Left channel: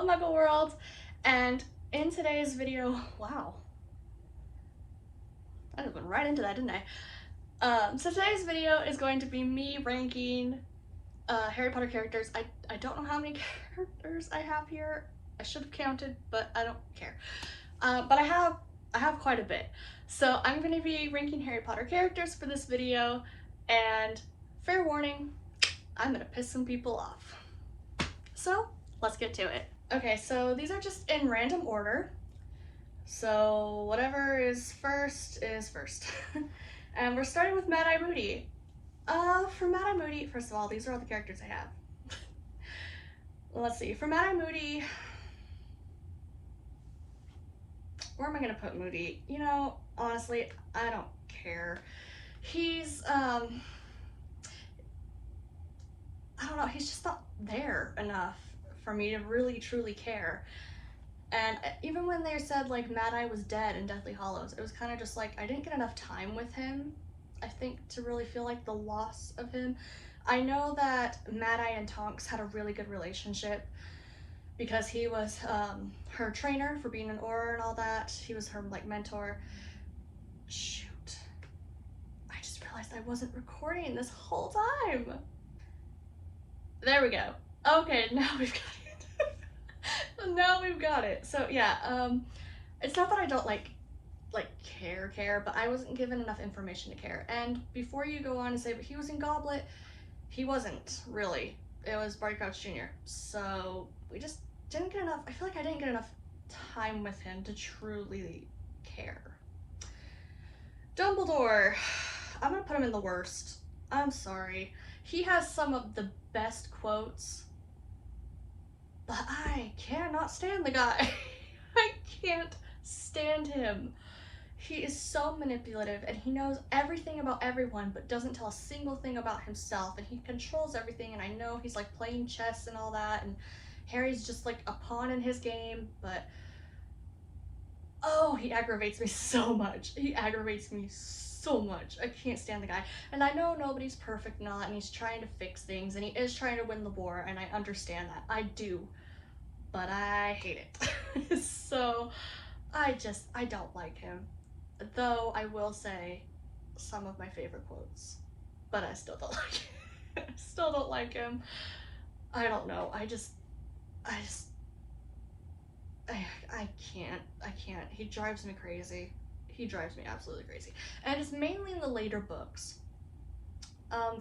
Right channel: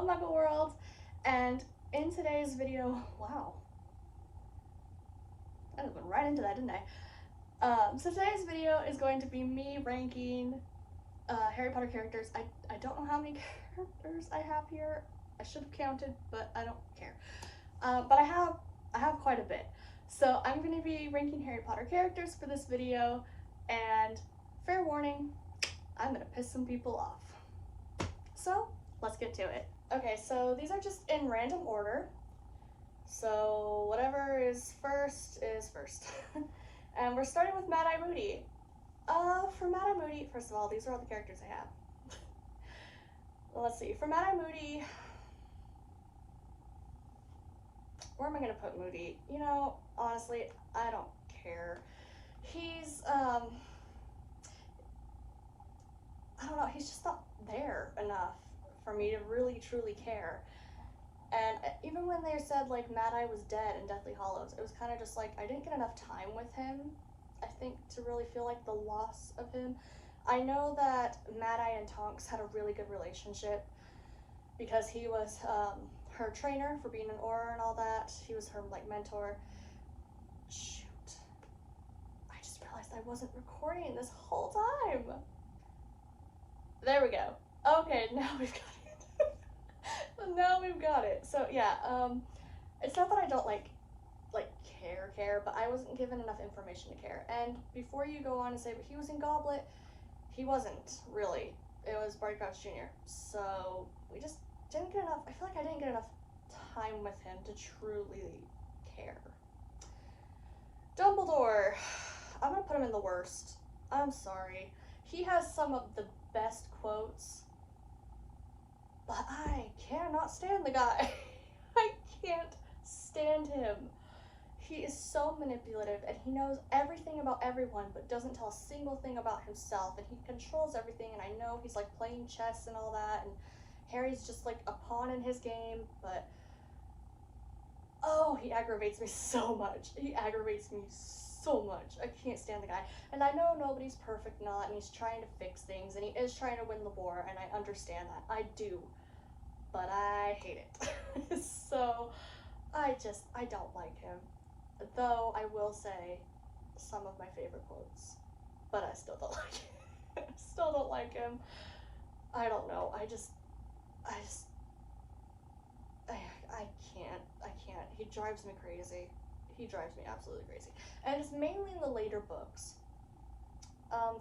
Hello Muggle World, and in today's video, wow, I just went right into that, didn't I? So today's video is going to be me ranking Harry Potter characters. I don't know how many characters I have here. I should have counted, but I don't care. But I have quite a bit. So I'm going to be ranking Harry Potter characters for this video, and fair warning, I'm going to piss some people off. So let's get to it. Okay, so these are just in random order. So whatever is first is first. And we're starting with Mad-Eye Moody. For Mad-Eye Moody, first of all, these are all the characters I have. Let's see, for Mad-Eye Moody, where am I gonna put Moody? You know, honestly, I don't care. He's, I don't know, he's just not there enough for me to really truly care. And even when they said like Mad-Eye was dead in Deathly Hallows, it was kind of just like I didn't get enough time with him, I think, to really feel like the loss of him. I know that Mad-Eye and Tonks had a really good relationship because he was her trainer for being an Auror and all that. He was her like mentor. Shoot, I just realized I wasn't recording this whole time. There we go. Okay, now we've got it. Now we've got it. So yeah, it's not that I don't like care, but I wasn't given enough information to care. And before you go on and say, but he was in Goblet, he wasn't really. It was Barty Crouch Jr. So we just didn't get enough. I feel like I didn't get enough time with him to truly care. Dumbledore, I'm gonna put him in the worst. I'm sorry. He has some of the best quotes, but I cannot stand the guy. I can't stand him. He is so manipulative and he knows everything about everyone but doesn't tell a single thing about himself, and he controls everything, and I know he's like playing chess and all that, and Harry's just like a pawn in his game, but oh, he aggravates me so much. He aggravates me so much. I can't stand the guy. And I know nobody's perfect, not, and he's trying to fix things, and he is trying to win the war, and I understand that. I do. But I hate it. So I don't like him. Though I will say some of my favorite quotes, but I still don't like him. I still don't like him. I don't know. I can't. He drives me crazy. He drives me absolutely crazy. And it's mainly in the later books.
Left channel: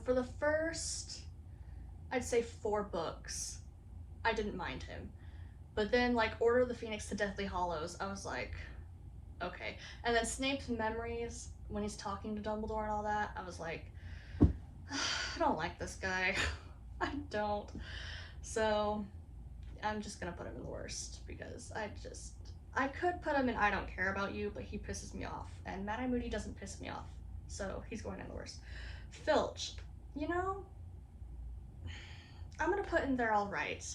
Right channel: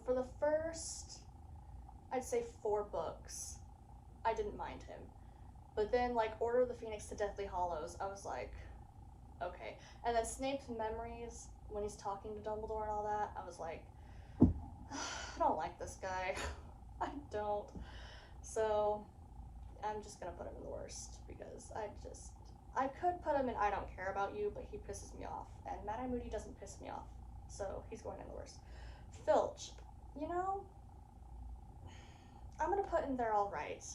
For the first, I'd say 4 books, I didn't mind him. But then, like, Order of the Phoenix to Deathly Hallows, I was like, okay. And then Snape's memories, when he's talking to Dumbledore and all that, I was like, I don't like this guy. I don't. So I'm just gonna put him in the worst because I could put him in I don't care about you, but he pisses me off. And Mad-Eye Moody doesn't piss me off. So he's going in the worst. Filch, you know, I'm gonna put in there all right.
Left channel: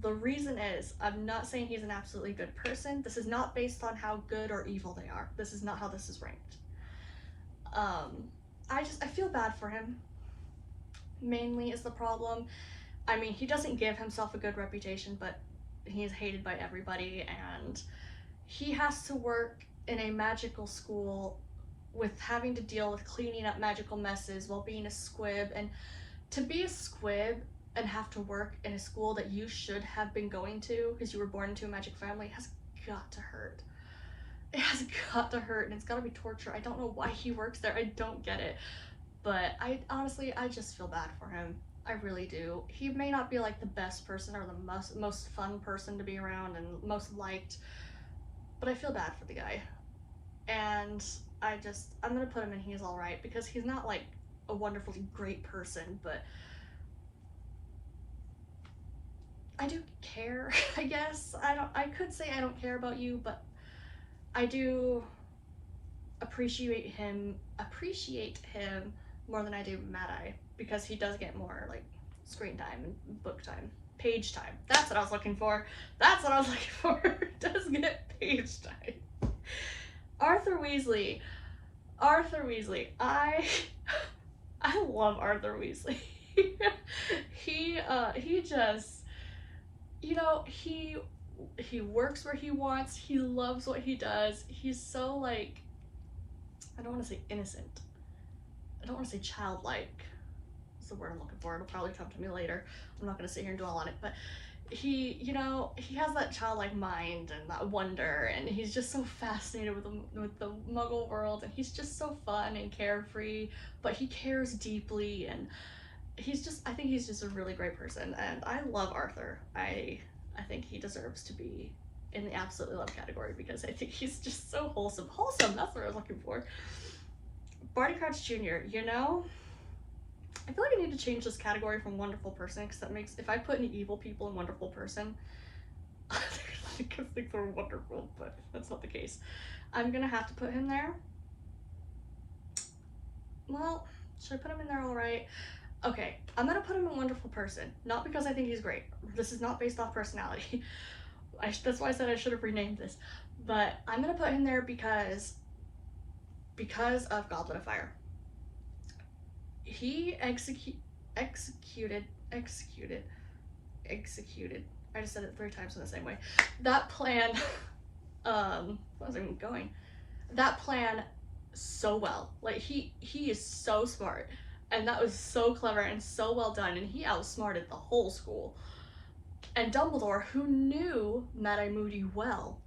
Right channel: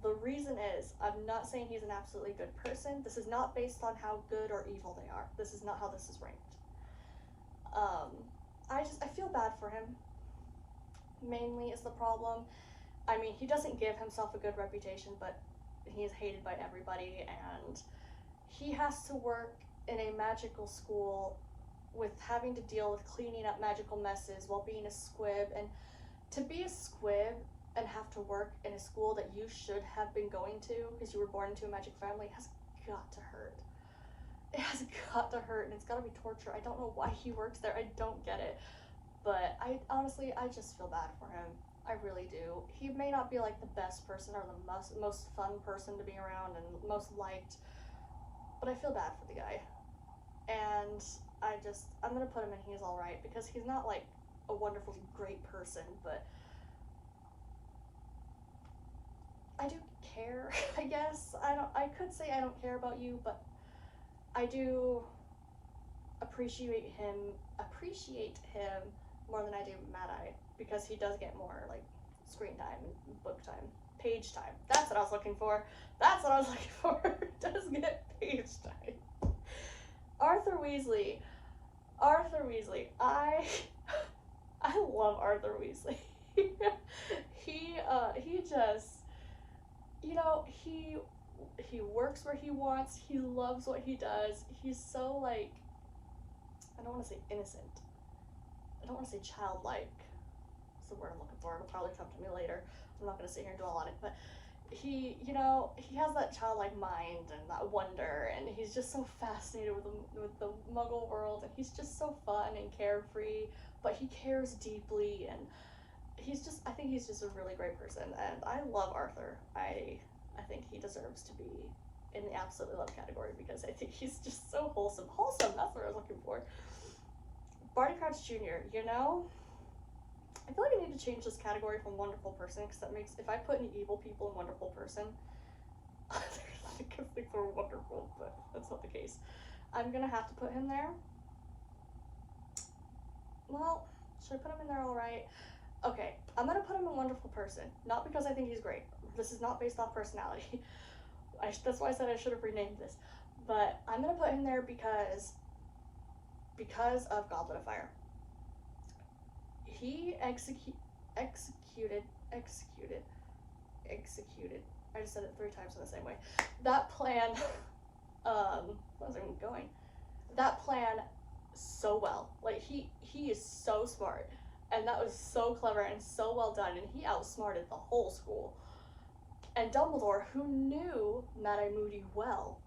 The reason is, I'm not saying he's an absolutely good person. This is not based on how good or evil they are. This is not how this is ranked. I feel bad for him, mainly is the problem. I mean, he doesn't give himself a good reputation, but he's hated by everybody, and he has to work in a magical school with having to deal with cleaning up magical messes while being a squib. And to be a squib and have to work in a school that you should have been going to because you were born into a magic family has got to hurt. It has got to hurt, and it's got to be torture. I don't know why he works there. I don't get it. But I honestly, I just feel bad for him. I really do. He may not be like the best person or the most fun person to be around and most liked, but I feel bad for the guy. And I'm gonna put him in he's alright because he's not like a wonderfully great person, but I do care, I guess. I could say I don't care about you, but I do appreciate him more than I do Mad-Eye, because he does get more like screen time and book time. Page time. That's what I was looking for. That's what I was looking for. Does get page time. Arthur Weasley. I love Arthur Weasley. he just you know, he works where he wants. He loves what he does. He's so like, I don't want to say innocent. I don't want to say childlike. That's the word I'm looking for. It'll probably come to me later. I'm not gonna sit here and dwell on it, but he, you know, he has that childlike mind and that wonder, and he's just so fascinated with the Muggle world, and he's just so fun and carefree, but he cares deeply, and he's just, I think he's just a really great person, and I love Arthur. I think he deserves to be in the absolutely love category because I think he's just so wholesome. Wholesome, that's what I was looking for. Barty Crouch Jr., you know, I feel like I need to change this category from wonderful person because that makes, if I put any evil people in wonderful person, because things are wonderful, but that's not the case. I'm gonna have to put him there. Well, should I put him in there all right? Okay, I'm gonna put him in wonderful person, not because I think he's great. This is not based off personality. That's why I said I should have renamed this. But I'm gonna put him there because of Goblet of Fire. He executed. I just said it 3 times in the same way. That plan, I wasn't even going. That plan so well. Like he is so smart, and that was so clever and so well done, and he outsmarted the whole school. And Dumbledore, who knew Mad-Eye Moody well,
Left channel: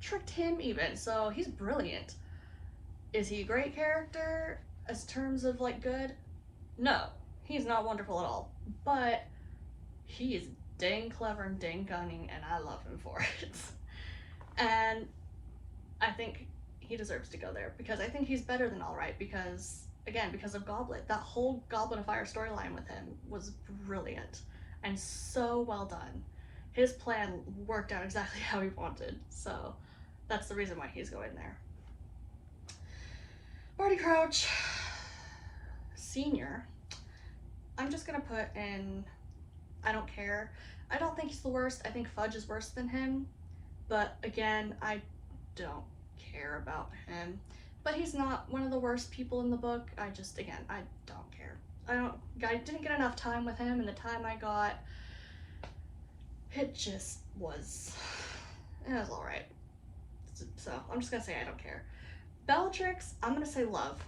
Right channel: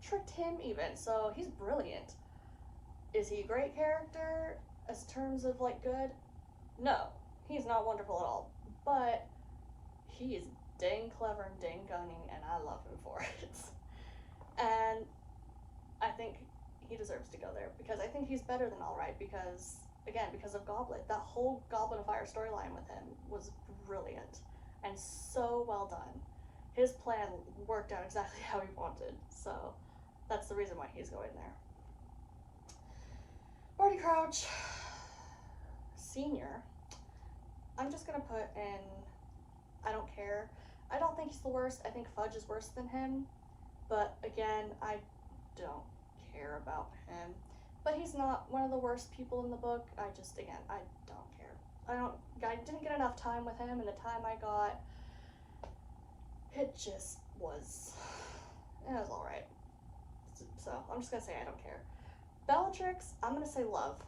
tricked him even. So he's brilliant. Is he a great character as terms of like good? No, he's not wonderful at all. But he is dang clever and dang cunning, and I love him for it. And I think he deserves to go there because I think he's better than All Right because, again, because of Goblet. That whole Goblet of Fire storyline with him was brilliant and so well done. His plan worked out exactly how he wanted, so that's the reason why he's going there. Barty Crouch Senior, I'm just gonna put in, I don't care. I don't think he's the worst. I think Fudge is worse than him, but again, I don't care about him. But he's not one of the worst people in the book. I just, again, I don't care. I didn't get enough time with him, and the time I got, it just was, it was all right. So I'm just gonna say I don't care. Bellatrix, I'm gonna say love.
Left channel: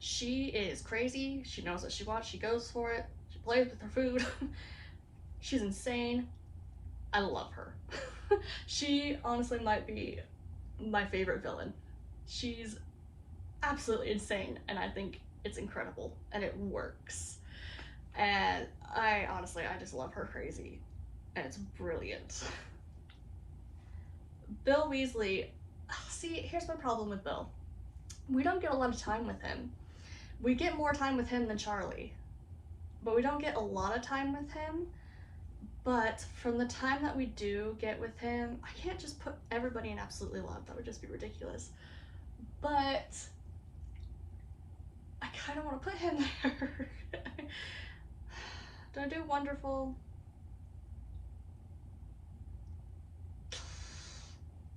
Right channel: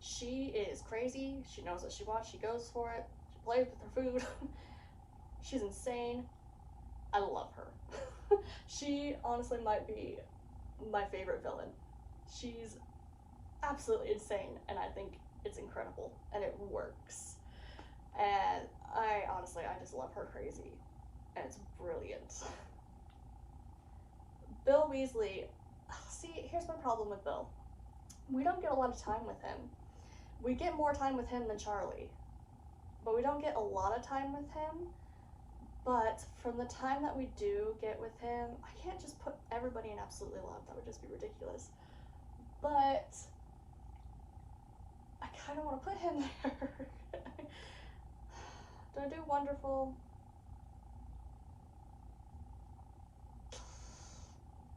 She is crazy. She knows what she wants. She goes for it. She plays with her food. She's insane. I love her. She honestly might be my favorite villain. She's absolutely insane, and I think it's incredible, and it works. And I just love her crazy, and it's brilliant. Bill Weasley, see, here's my problem with Bill. We don't get a lot of time with him. We get more time with him than Charlie, but we don't get a lot of time with him. But from the time that we do get with him, I can't just put everybody in absolutely love. That would just be ridiculous. But I kind of want to put him there. Do I do wonderful?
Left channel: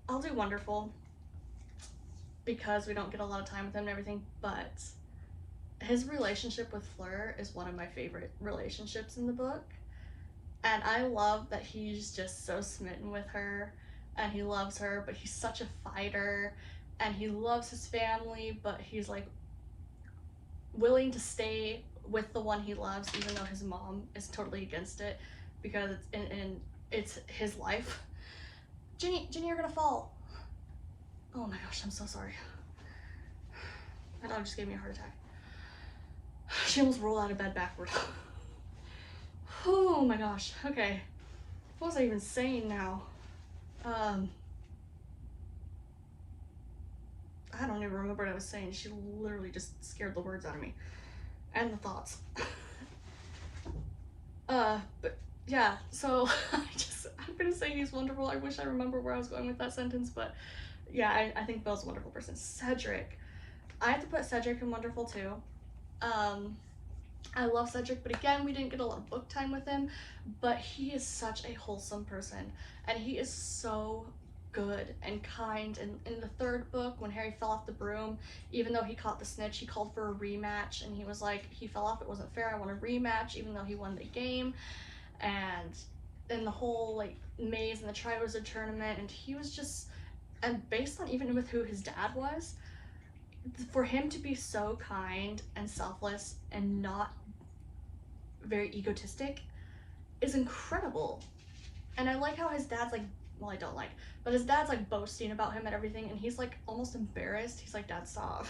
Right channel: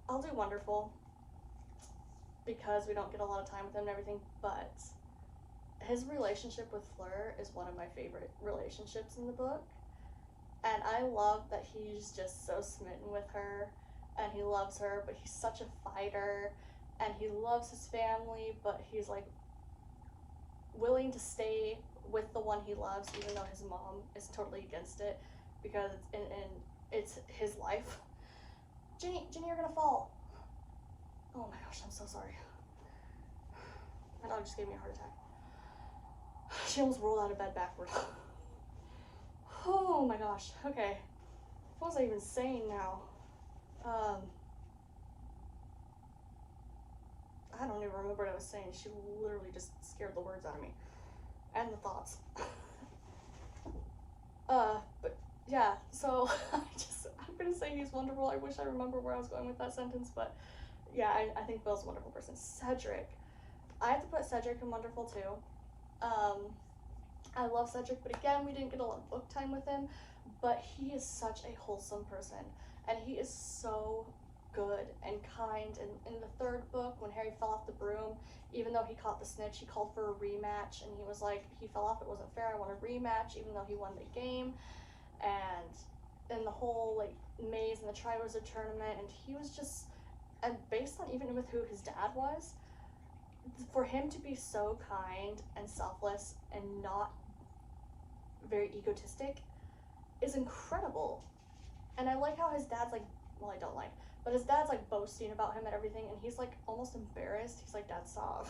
I'll do wonderful because we don't get a lot of time with him and everything, but his relationship with Fleur is one of my favorite relationships in the book. And I love that he's just so smitten with her and he loves her, but he's such a fighter and he loves his family, but he's like willing to stay with the one he loves even though his mom is totally against it because it's his life. Ginny, you're gonna fall. Oh my gosh, I'm so sorry. My dog just gave me a heart attack. She almost rolled out of bed backward. Oh my gosh, okay. What was I even saying now? I don't even remember what I was saying. She literally just scared the words out of me. And the thoughts. But yeah, so I'm gonna say he's wonderful. I wish I remember where I was going with that sentence, but yeah, I think Belle's a wonderful person. Cedric. I have to put Cedric in wonderful too. I love Cedric, but again, we didn't get a lot of book time with him, but he is such a wholesome person, and he is so good and kind. And in the 3rd book, when Harry fell off the broom, even though he caught the snitch, he called for a rematch, and he was like, he fell off, it wasn't fair, I want a rematch, even though he won the game. And in the whole like maze and the Triwizard Tournament, and he was just, and based on even with who his dad was, for him to be so kind and selfless and not very egotistic is incredible. And I like how his dad's like, well, I don't like, but his dad's like boasting about him and everything, and he's like almost embarrassed. He's like, Dad, stop.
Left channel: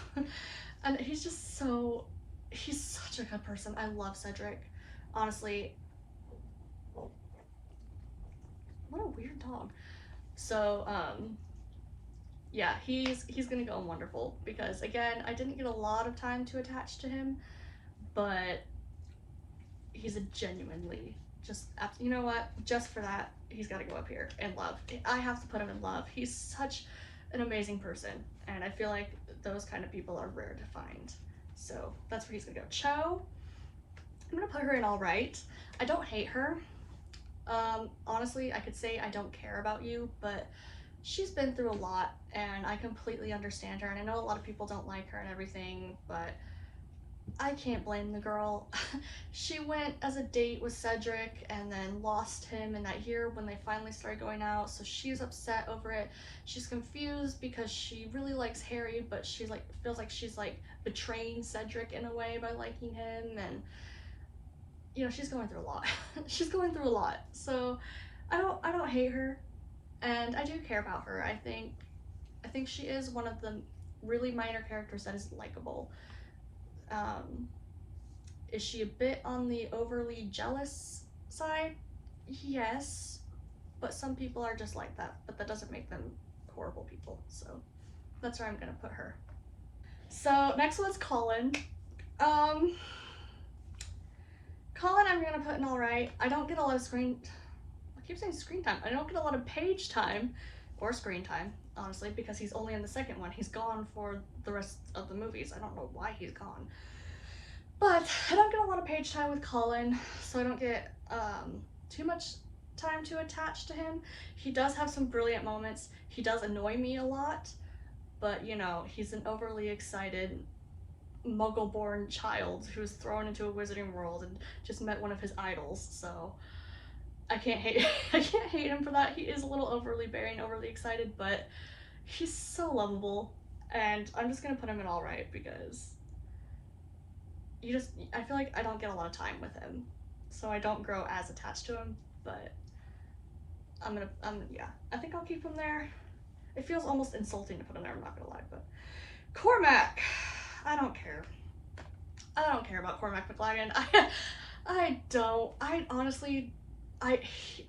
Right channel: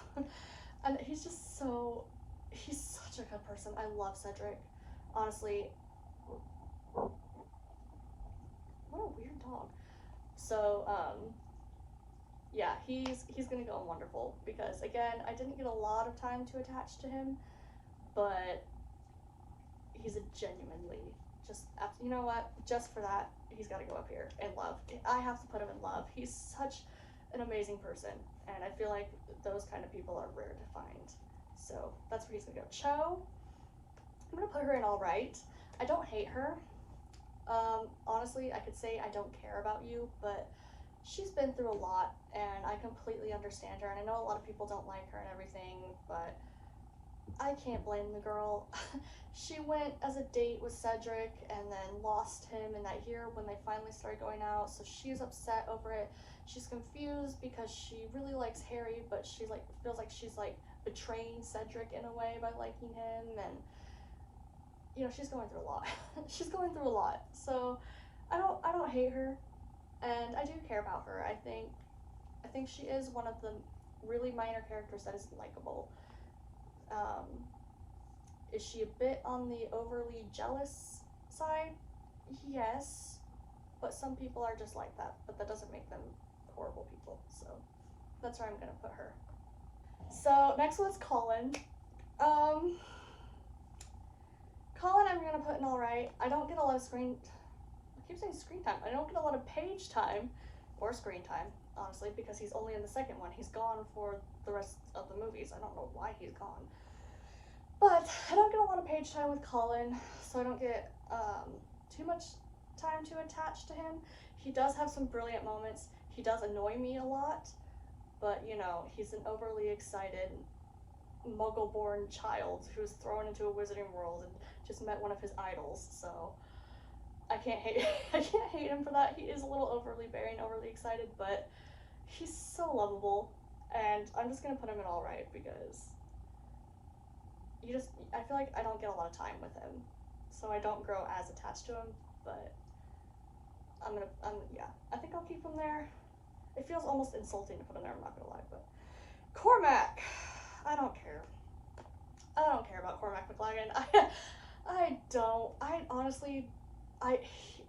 And he's just so, he's such a good person. I love Cedric. Honestly, what a weird dog. So, yeah, he's gonna go wonderful because again, I didn't get a lot of time to attach to him, but he's a genuinely just, you know what? Just for that, he's got to go up here in love. I have to put him in love. He's such an amazing person, and I feel like those kind of people are rare to find. So that's where he's gonna go. Cho, I'm gonna put her in all right. I don't hate her. Honestly, I could say I don't care about you, but she's been through a lot, and I completely understand her. And I know a lot of people don't like her and everything, but I can't blame the girl. She went as a date with Cedric and then lost him in that year when they finally started going out, so she's upset over it. She's confused because she really likes Harry, but she's like feels like she's like betraying Cedric in a way by liking him, and you know, she's going through a lot. She's going through a lot. So I don't hate her, and I do care about her. I think she is one of the really minor characters that is likable. Um, is she a bit on the overly jealous side? Yes, but some people are just like that, but that doesn't make them horrible people. So that's where I'm gonna put her. So next one's Colin. Um, Colin, I'm gonna put in all right. I don't get a lot of screen. I keep saying screen time. I don't get a lot of page time or screen time, honestly, because he's only in the second one. He's gone for the rest of the movies. I don't know why he's gone. But I don't get a lot of page time with Colin, so I don't get too much time to attach to him. He does have some brilliant moments. He does annoy me a lot, but you know, he's an overly excited muggle-born child who's thrown into a wizarding world and just met one of his idols. So I can't hate I can't hate him for that. He is a little overly bearing, overly excited, but he's so lovable, and I'm just gonna put him in all right because I feel like I don't get a lot of time with him, so I don't grow as attached to him. But yeah, I think I'll keep him there. It feels almost insulting to put him there, I'm not gonna lie. But Cormac, I don't care. I don't care about Cormac McLaggen. I don't. I honestly, I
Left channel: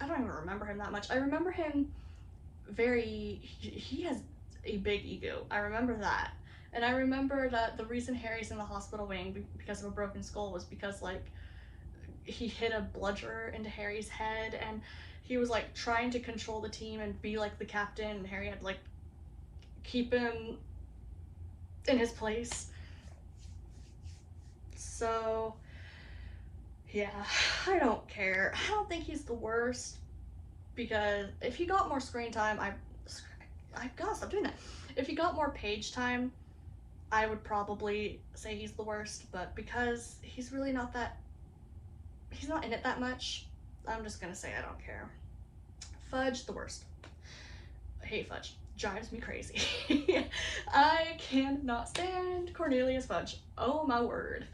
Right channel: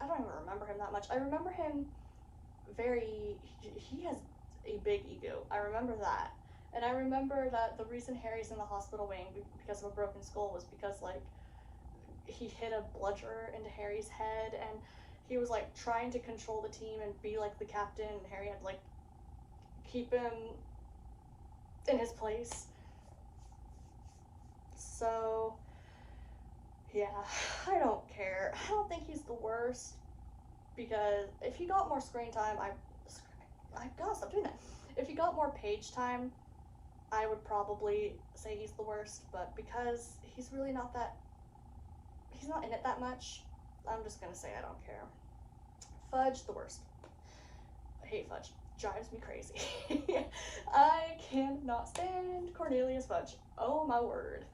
don't even remember him that much. I remember him he has a big ego. I remember that. And I remember that the reason Harry's in the hospital wing because of a broken skull was because like he hit a bludger into Harry's head, and he was like trying to control the team and be like the captain, and Harry had to like keep him in his place. So yeah, I don't care. I don't think he's the worst, because if he got more screen time, I gotta stop doing that. If he got more page time, I would probably say he's the worst, but because he's really not that, he's not in it that much, I'm just gonna say I don't care. Fudge, the worst. I hate Fudge. Drives me crazy. I cannot stand Cornelius Fudge. Oh my word.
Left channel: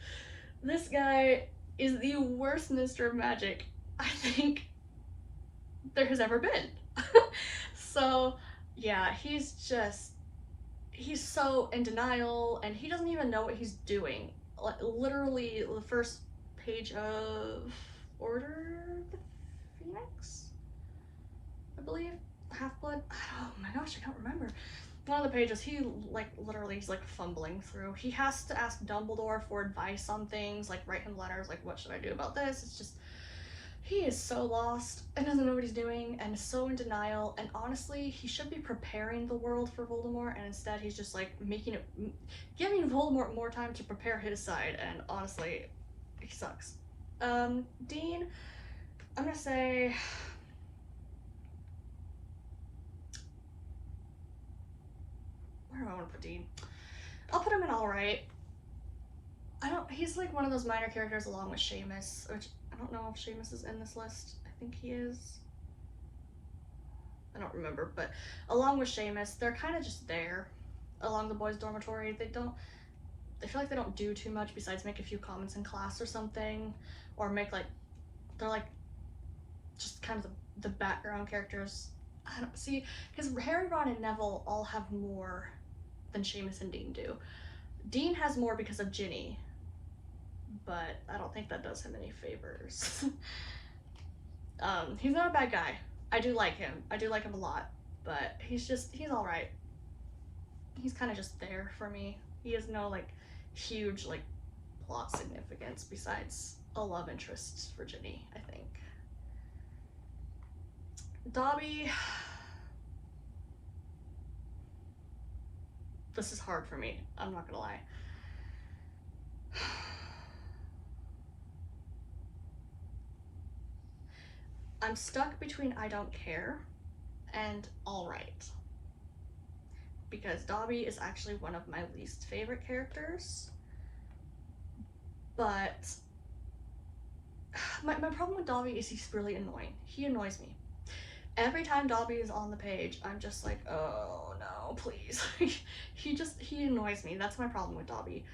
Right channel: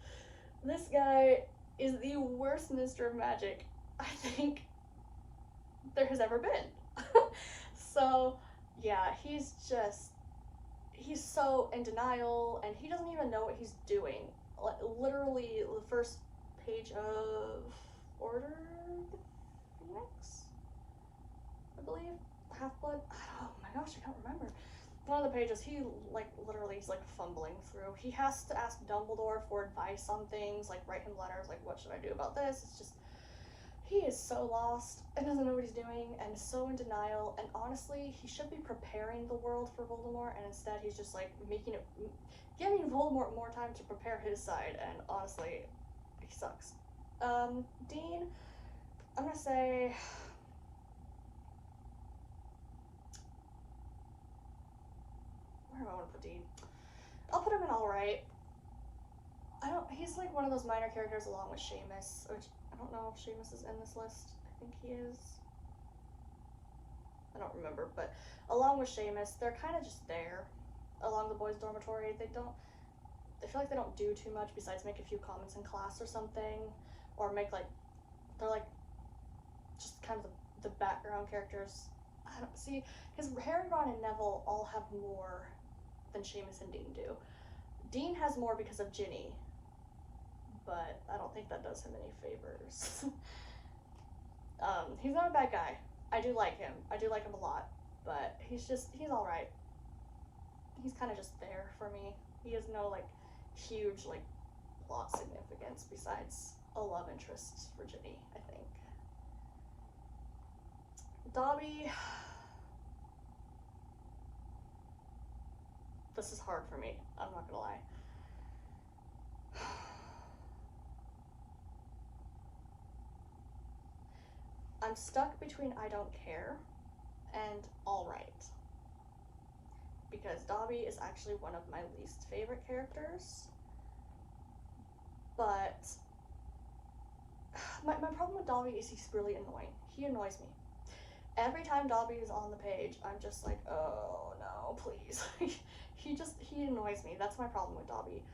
This guy is the worst Minister of Magic I think there has ever been. So yeah, he's so in denial, and he doesn't even know what he's doing. Like literally the first page of Order of the Phoenix, I believe, Half Blood. Oh my gosh, I can't remember. One of the pages, he like literally he's like fumbling through. He has to ask Dumbledore for advice on things, like write him letters, like what should I do about this? It's just he is so lost and doesn't know what he's doing and is so in denial. And honestly, he should be preparing the world for Voldemort, and instead he's just like giving Voldemort more time to prepare his side. And honestly, he sucks. Dean, I'm gonna say where do I want to put Dean? I'll put him in all right. I don't. He's like one of those minor characters along with Seamus, which I don't know if Seamus is in this list. I think he is. remember, but along with Seamus, they're kind of just there along the boys' dormitory. I feel like they don't do too much besides make a few comments in class or something, or make like, they're like just kind of the background characters. I don't see, because Harry, Ron, and Neville all have more than Seamus and Dean do. Dean has more because of Ginny, but I don't think that does him any favors. He's not a bad guy. I do like him. I do like him a lot, but he's alright. He's kind of just there for me. He has no, like, huge, like, plot significance besides a love interest for Ginny, I think. Dobby... This is hard for me, I'm not gonna lie. I'm stuck between I don't care and alright. Because Dobby is actually one of my least favorite characters. But my problem with Dobby is he's really annoying. He annoys me. Every time Dobby is on the page, I'm just like, oh no, please. he annoys me. That's my problem with Dobby.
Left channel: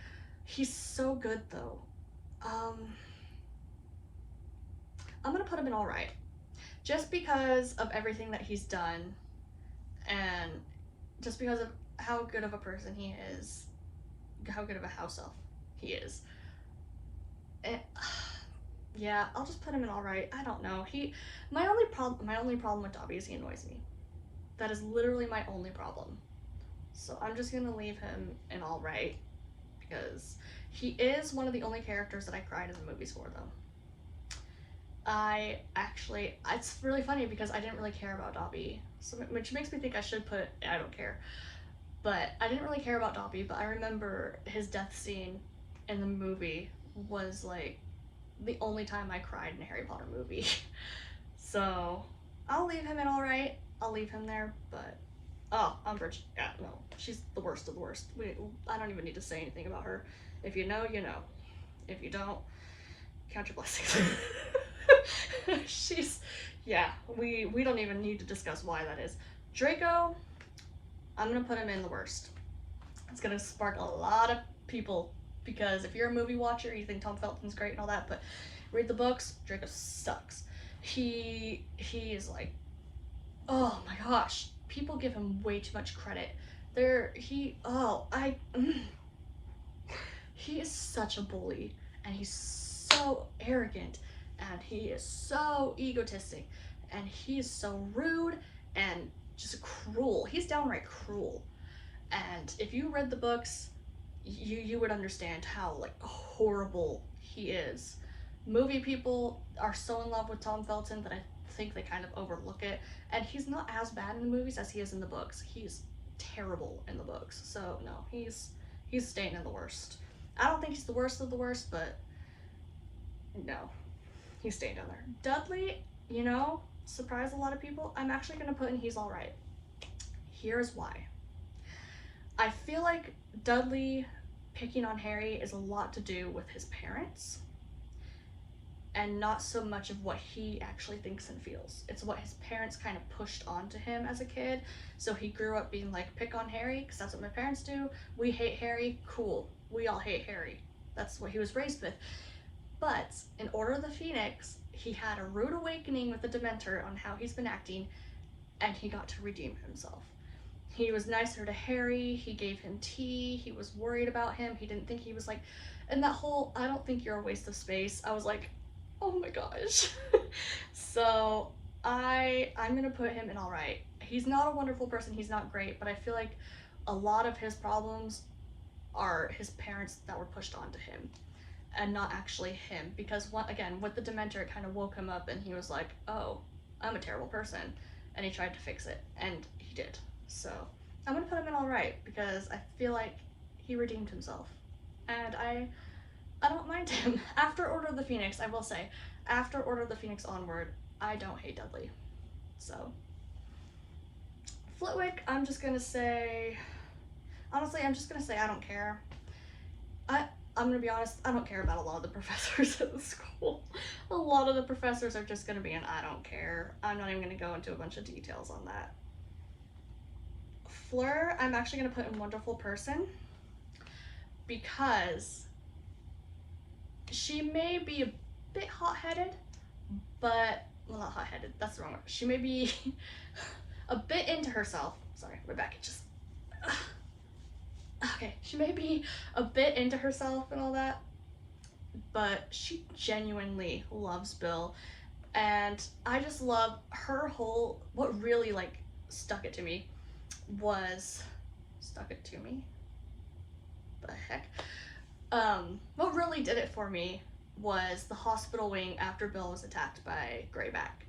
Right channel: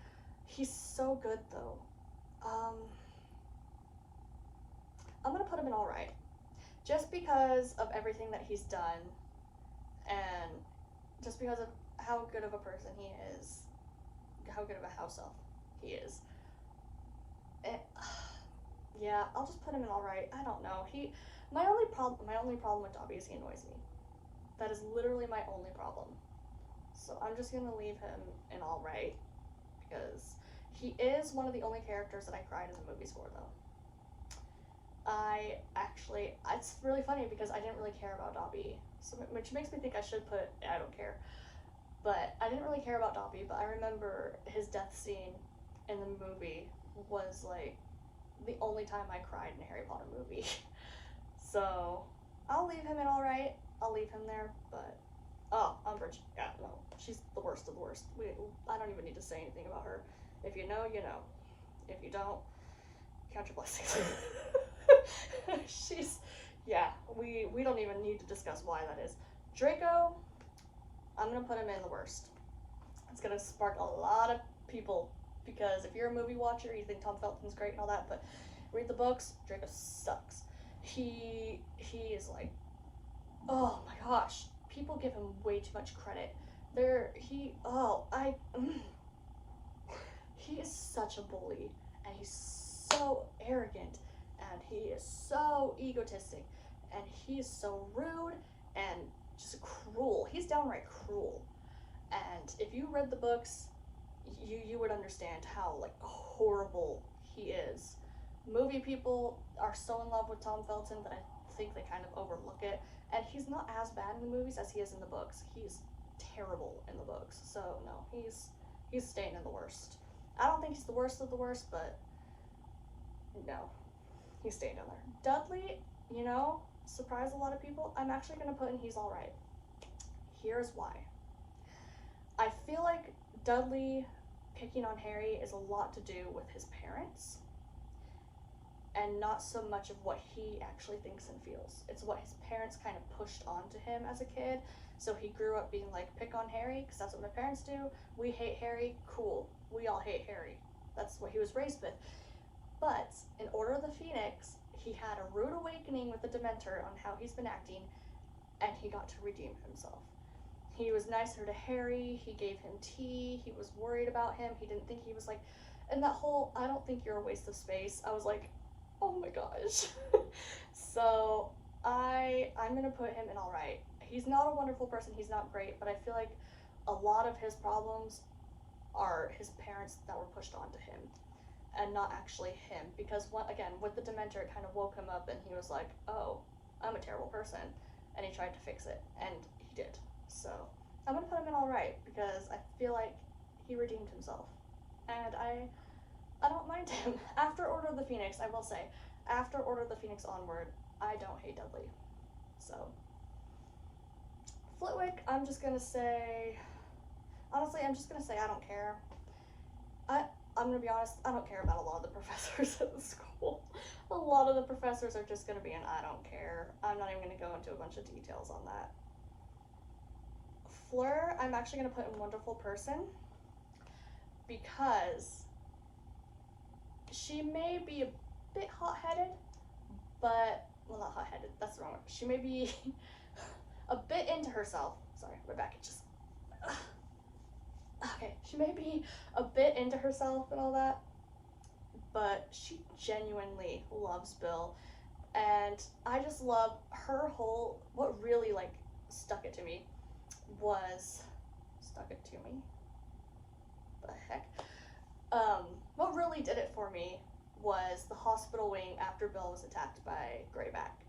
He's so good though. I'm gonna put him in alright. Just because of everything that he's done, and just because of how good of a person he is, how good of a house elf he is. And, yeah, I'll just put him in alright. I don't know. My only problem with Dobby is he annoys me. That is literally my only problem. So I'm just gonna leave him in alright, because he is one of the only characters that I cried in the movies for, though. It's really funny because I didn't really care about Dobby, so, which makes me think I should put I don't care. But I didn't really care about Dobby, but I remember his death scene in the movie was like the only time I cried in a Harry Potter movie. So I'll leave him in alright. I'll leave him there, but Umbridge, yeah, no, she's the worst of the worst. I don't even need to say anything about her. If you know, you know. If you don't, count your blessings. We don't even need to discuss why that is. Draco, I'm gonna put him in the worst. It's gonna spark a lot of people, because if you're a movie watcher, you think Tom Felton's great and all that, but read the books, Draco sucks. He is like, oh my gosh, people give him way too much credit. He is such a bully, and he's so arrogant, and he is so egotistic, and he is so rude and just cruel. He's downright cruel. And if you read the books, you would understand how like horrible he is. Movie people are so in love with Tom Felton that I think they kind of overlook it, and he's not as bad in the movies as he is in the books. He's terrible in the books, so no, he's staying in the worst. I don't think he's the worst of the worst, but no, he's staying down there. Dudley, surprise a lot of people, I'm actually gonna put in he's alright. Here's why. I feel like Dudley picking on Harry is a lot to do with his parents, and not so much of what he actually thinks and feels. It's what his parents kind of pushed onto him as a kid. So he grew up being like, pick on Harry, because that's what my parents do. We hate Harry, cool. We all hate Harry. That's what he was raised with. But in Order of the Phoenix, he had a rude awakening with the Dementor on how he's been acting, and he got to redeem himself. He was nicer to Harry, he gave him tea, he was worried about him, he didn't think he was like, and that whole, I don't think you're a waste of space, I was like, oh my gosh. So I'm gonna put him in alright. He's not a wonderful person, he's not great, but I feel like a lot of his problems are his parents that were pushed onto him, and not actually him, because again, with the Dementor, it kind of woke him up and he was like, oh, I'm a terrible person, and he tried to fix it, and he did. So I'm gonna put him in alright, because I feel like he redeemed himself, and I don't mind him. After Order of the Phoenix, I will say, after Order of the Phoenix onward, I don't hate Dudley. So Flitwick, I'm just gonna say, honestly, I'm just gonna say I don't care. I'm gonna be honest, I don't care about a lot of the professors at the school. A lot of the professors are just gonna be an I don't care. I'm not even gonna go into a bunch of details on that. Fleur, I'm actually going to put in wonderful person because she may be a bit hot-headed, but, well, not hot-headed, that's the wrong word. She may be a bit into herself. Sorry, we're back. It just, okay, she may be a bit into herself and all that, but she genuinely loves Bill. And I just love her whole, what really like stuck it to me was, stuck it to me? The heck? What really did it for me was the hospital wing after Bill was attacked by Greyback.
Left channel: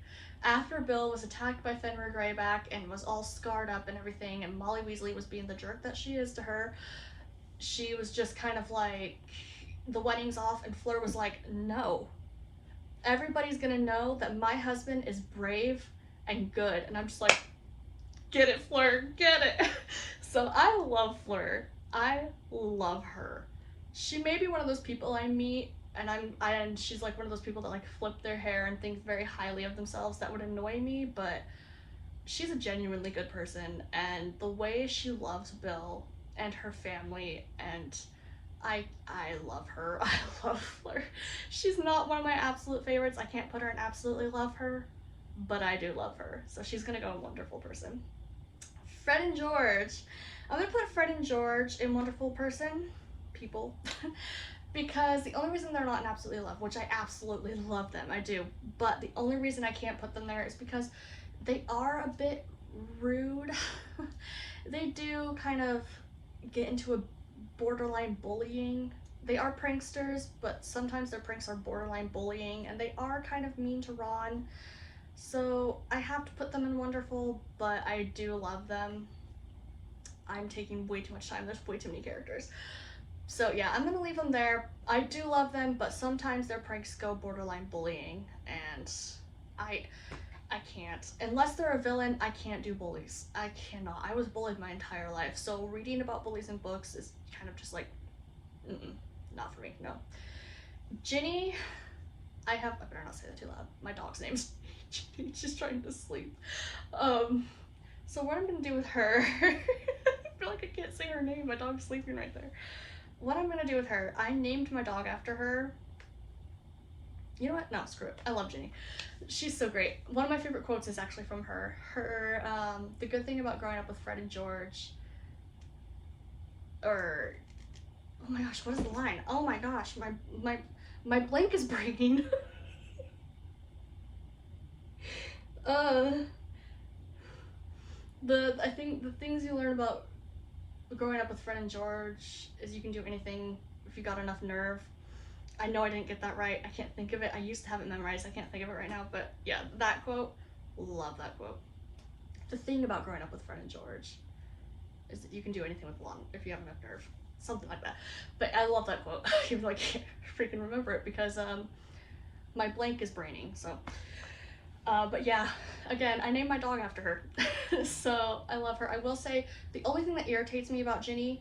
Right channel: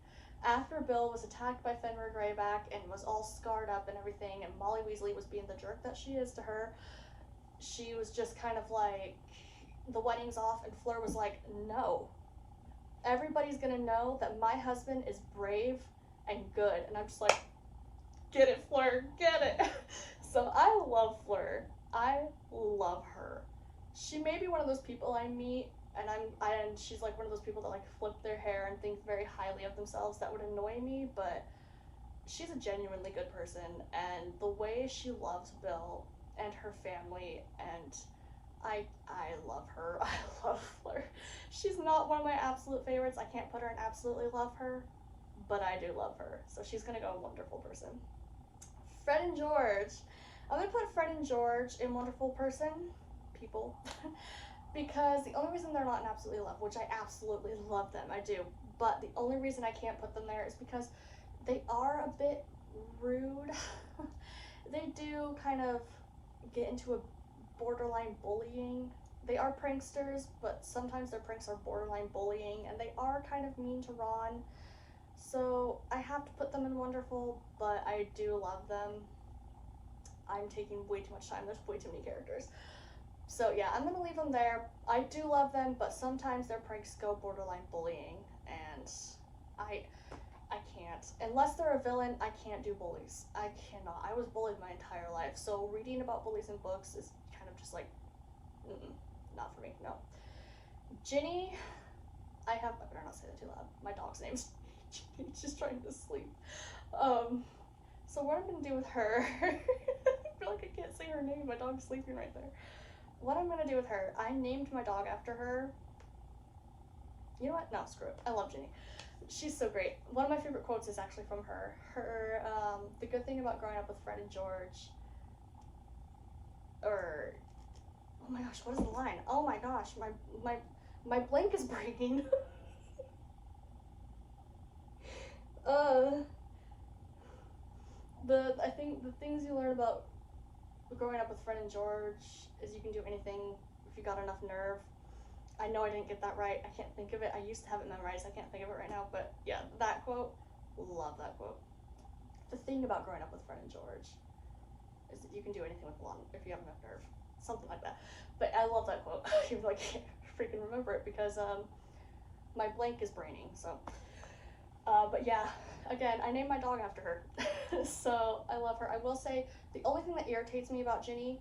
After Bill was attacked by Fenrir Greyback and was all scarred up and everything, and Molly Weasley was being the jerk that she is to her, she was just kind of like, the wedding's off, and Fleur was like, no. Everybody's gonna know that my husband is brave and good. And I'm just like, get it, Fleur, get it. So I love Fleur. I love her. She may be one of those people I meet, and and she's like one of those people that like flip their hair and think very highly of themselves that would annoy me, but she's a genuinely good person, and the way she loves Bill and her family, and I love her. I love Fleur. She's not one of my absolute favorites. I can't put her in absolutely love her, but I do love her. So she's gonna go wonderful person. Fred and George. I'm gonna put Fred and George in wonderful person, people, because the only reason they're not in absolutely love, which I absolutely love them, I do, but the only reason I can't put them there is because they are a bit rude. They do kind of get into a borderline bullying. They are pranksters, but sometimes their pranks are borderline bullying, and they are kind of mean to Ron. So I have to put them in wonderful, but I do love them. I'm taking way too much time. There's way too many characters. So yeah, I'm gonna leave them there. I do love them, but sometimes their pranks go borderline bullying, and I can't. Unless they're a villain, I can't do bullies. I cannot. I was bullied my entire life, so reading about bullies in books is kind of just like, not for me, no. Ginny, I better not say that too loud. My dog's name's Ginny, just trying to sleep. So what I'm gonna do with her, I feel like I can't say her name, my dog's sleeping right there. What I'm gonna do with her, I named my dog after her. You know what? No, screw it. I love Ginny. She's so great. One of my favorite quotes is actually from her. The good thing about growing up with Fred and George, or, oh my gosh, what is the line? Oh my gosh, my blank is breaking. I think the things you learn about growing up with Fred and George is you can do anything if you got enough nerve. I know I didn't get that right. I can't think of it. I used to have it memorized. I can't think of it right now, but yeah, that quote, love that quote. The thing about growing up with Fred and George is that you can do anything with long if you have enough nerve. Something like that. But I love that quote. Even though I can't freaking remember it because my blank is braining, so. But yeah, again, I named my dog after her. So I love her. I will say the only thing that irritates me about Ginny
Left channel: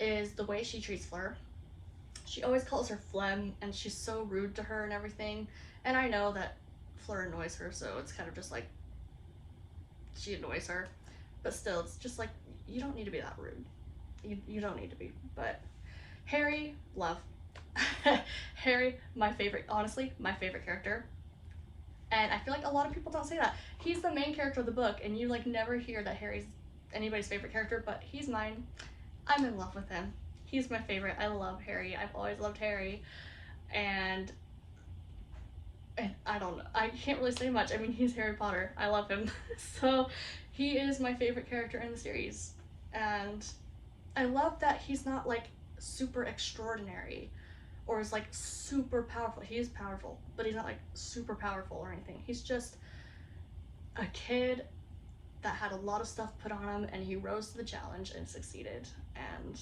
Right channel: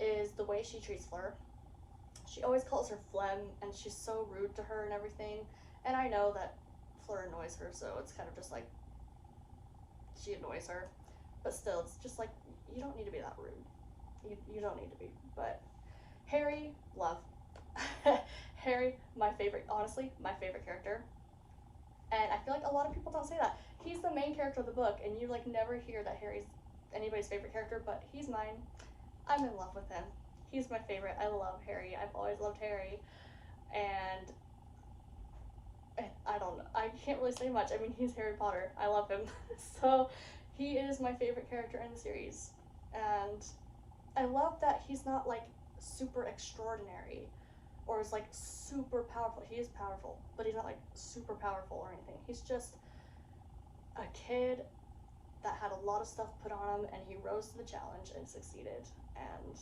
is the way she treats Fleur. She always calls her Flem, and she's so rude to her and everything. And I know that Fleur annoys her, so it's kind of just like, she annoys her. But still, it's just like, you don't need to be that rude. You don't need to be. But Harry, love. Harry, my favorite, honestly, my favorite character. And I feel like a lot of people don't say that. He's the main character of the book, and you like never hear that Harry's anybody's favorite character, but he's mine. I'm in love with him. He's my favorite. I love Harry. I've always loved Harry. And I don't know. I can't really say much. I mean, he's Harry Potter. I love him. So he is my favorite character in the series. And I love that he's not like super extraordinary or is like super powerful. He is powerful, but he's not like super powerful or anything. He's just a kid that had a lot of stuff put on him, and he rose to the challenge and succeeded. And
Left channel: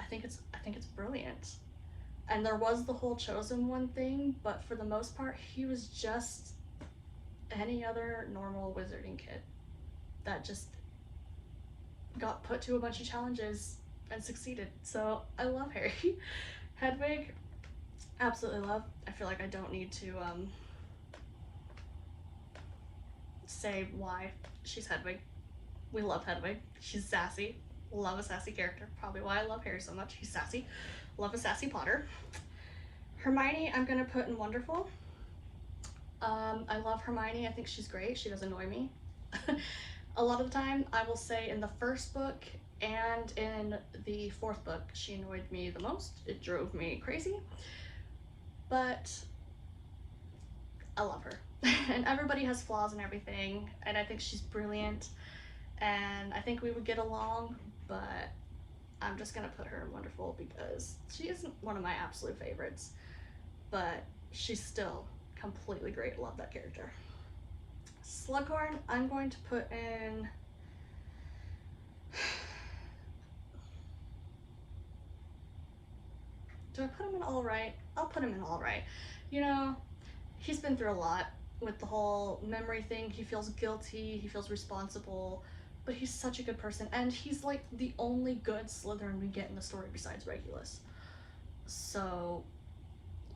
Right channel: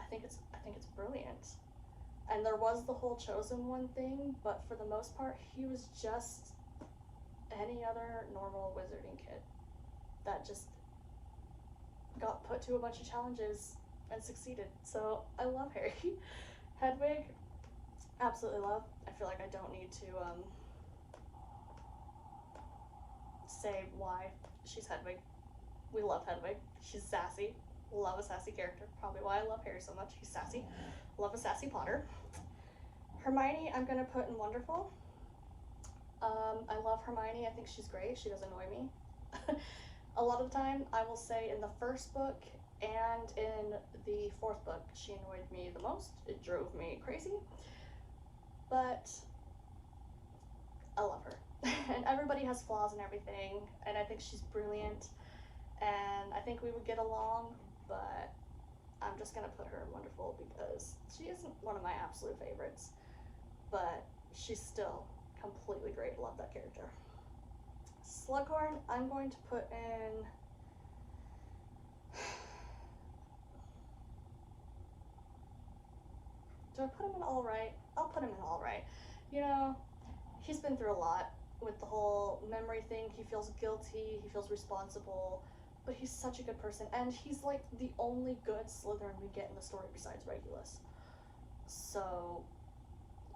I think it's brilliant. And there was the whole chosen one thing, but for the most part, he was just any other normal wizarding kid that just got put to a bunch of challenges and succeeded. So I love Harry. Hedwig, absolutely love. I feel like I don't need to say why she's Hedwig. We love Hedwig. She's sassy. Love a sassy character. Probably why I love Harry so much. He's sassy. Love a sassy Potter. Hermione, I'm gonna put in wonderful. I love Hermione. I think she's great. She does annoy me. A lot of the time, I will say in the first book and in the fourth book, she annoyed me the most. It drove me crazy. But I love her. And everybody has flaws and everything, and I think she's brilliant, and I think we would get along, but I'm just gonna put her in wonderful because she isn't one of my absolute favorites, but she's still completely great. Love that character. Slughorn, I'm going to put in do I put him in all right? I'll put him in all right. You know, he's been through a lot with the whole memory thing. He feels guilty, he feels responsible, but he's such a good person, and he's like the only good Slytherin we get in the story besides Regulus. So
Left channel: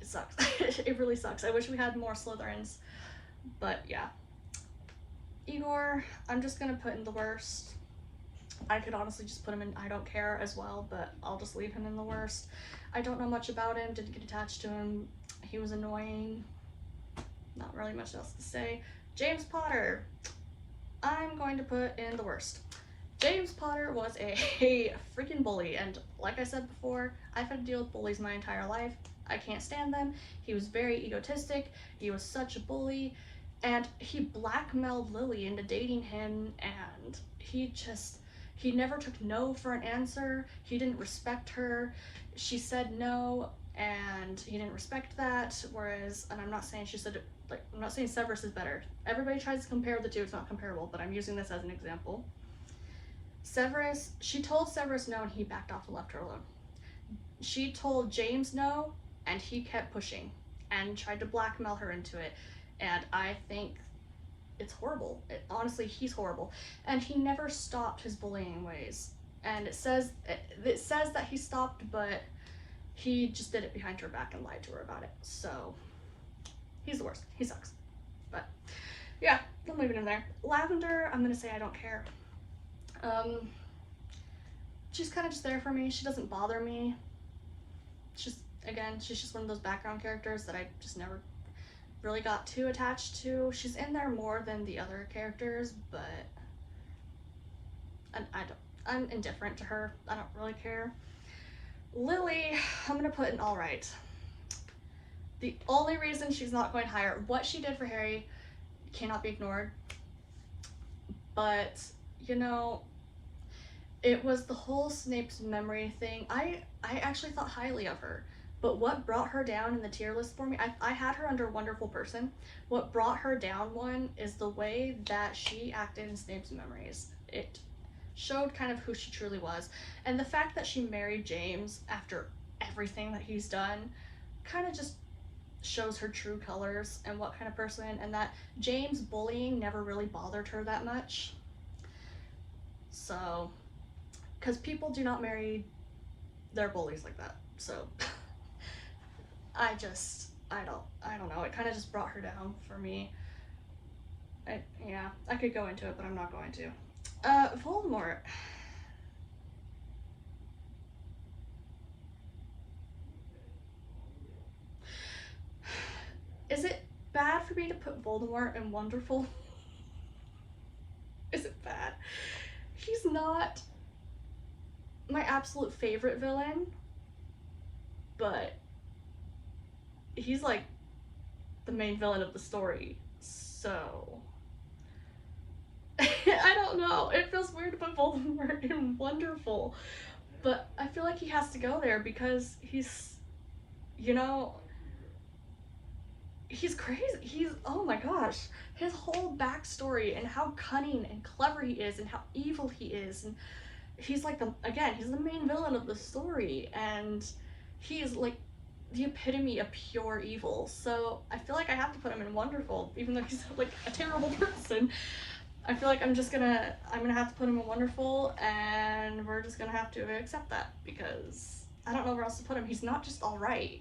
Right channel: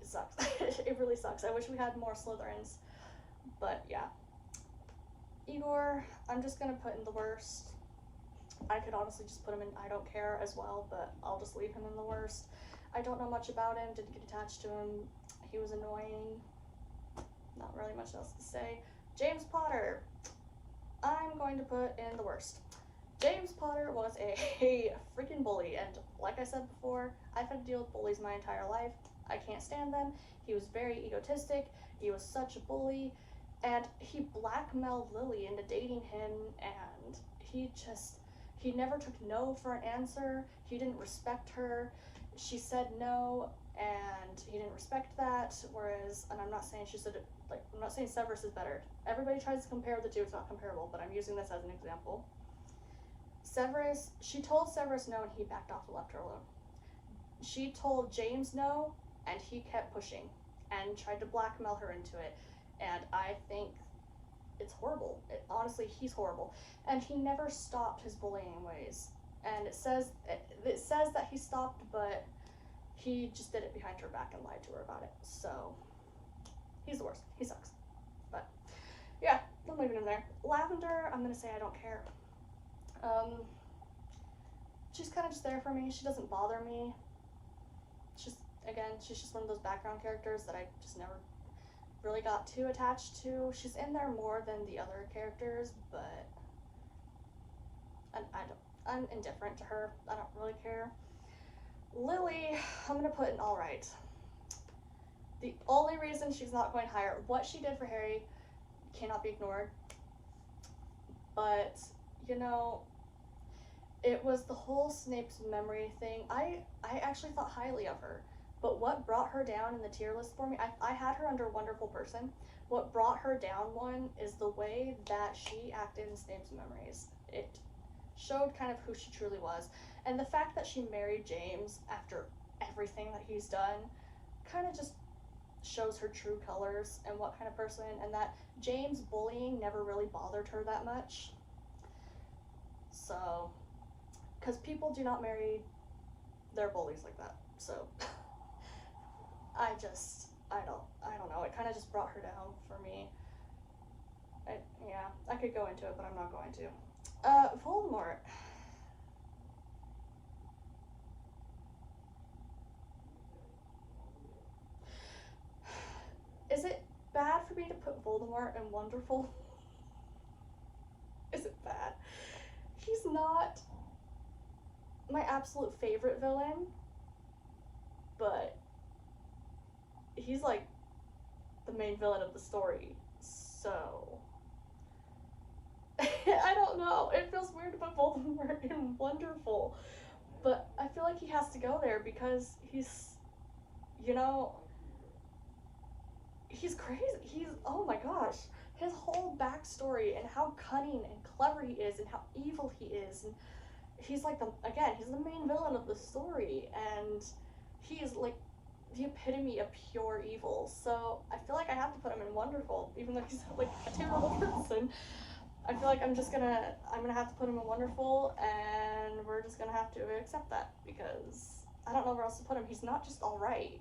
it sucks. It really sucks. I wish we had more Slytherins, but yeah. Igor, I'm just gonna put in the worst. I could honestly just put him in I don't care as well, but I'll just leave him in the worst. I don't know much about him, didn't get attached to him. He was annoying. Not really much else to say. James Potter, I'm going to put in the worst. James Potter was a freaking bully, and like I said before, I've had to deal with bullies my entire life. I can't stand them. He was very egotistic. He was such a bully, and he blackmailed Lily into dating him, and he never took no for an answer. He didn't respect her. She said no, and he didn't respect that. Whereas, and I'm not saying she said it, like, I'm not saying Severus is better. Everybody tries to compare the two. It's not comparable, but I'm using this as an example. Severus, she told Severus no, and he backed off and left her alone. She told James no, and he kept pushing and tried to blackmail her into it. And I think it's horrible. Honestly, he's horrible. And he never stopped his bullying ways. And it says that he stopped, but he just did it behind her back and lied to her about it. So he's the worst. He sucks. But yeah, I'm leaving him there. Lavender, I'm gonna say I don't care. She's kind of just there for me. She doesn't bother me. She's just one of those background characters that I just never really got too attached to. She's in there more than the other characters, but I'm indifferent to her. I don't really care. Lily, I'm gonna put in all right. The only reason she's not going higher, what she did for Harry cannot be ignored. But, you know, it was the whole Snape's memory thing. I actually thought highly of her. But what brought her down in the tier list for me, I had her under Wonderful Person. What brought her down one is the way that she acted in Snape's memories. It showed kind of who she truly was. And the fact that she married James after everything that he's done kind of just shows her true colors and what kind of person, and that James bullying never really bothered her that much. So, because people do not marry their bullies like that. So I don't know. It kind of just brought her down for me. Yeah, I could go into it, but I'm not going to. Voldemort. Is it bad for me to put Voldemort in Wonderful? Is it bad? He's not my absolute favorite villain, but he's like the main villain of the story, so I don't know. It feels weird to put Voldemort in Wonderful, but I feel like he has to go there because he's, you know, he's crazy. He's, oh my gosh, his whole backstory and how cunning and clever he is and how evil he is, and he's like he's the main villain of the story, and he is like the epitome of pure evil. So I feel like I have to put him in Wonderful, even though he's like a terrible person. I feel like I'm gonna have to put him in Wonderful, and we're just gonna have to accept that because I don't know where else to put him. He's not just alright.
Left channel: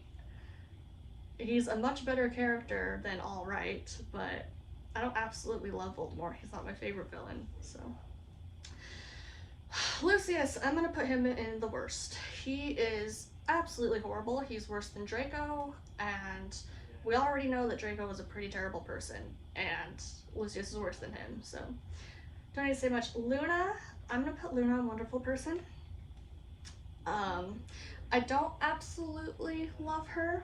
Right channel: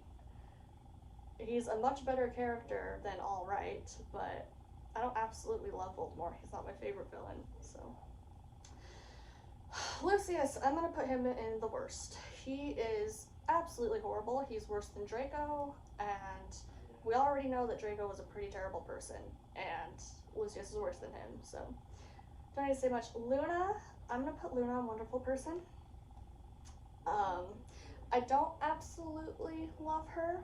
He's a much better character than alright, but I don't absolutely love Voldemort. He's not my favorite villain, so. Lucius, I'm gonna put him in the worst. He is absolutely horrible. He's worse than Draco, and we already know that Draco was a pretty terrible person, and Lucius is worse than him, so don't need to say much. Luna, I'm gonna put Luna in wonderful person. Um, I don't absolutely love her,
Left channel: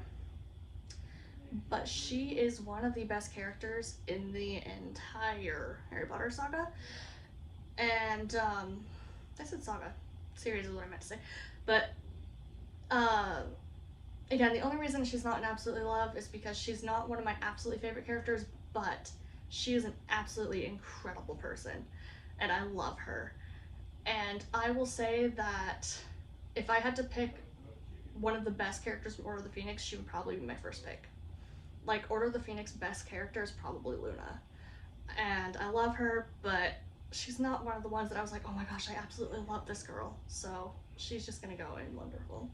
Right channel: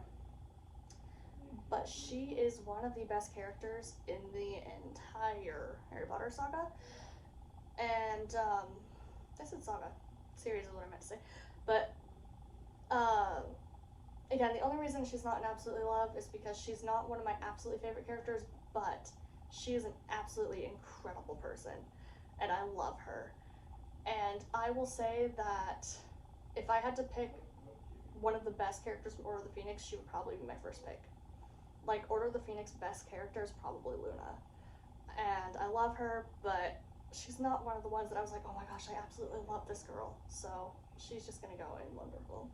but she is one of the best characters in the entire Harry Potter saga. And I said saga, series is what I meant to say. But uh, again, the only reason she's not an absolutely love is because she's not one of my absolutely favorite characters, but she is an absolutely incredible person, and I love her. And I will say that if I had to pick one of the best characters from Order of the Phoenix, she would probably be my first pick. Like, Order of the Phoenix best character is probably Luna. And I love her, but she's not one of the ones that I was like, oh my gosh, I absolutely love this girl. So she's just gonna go in wonderful.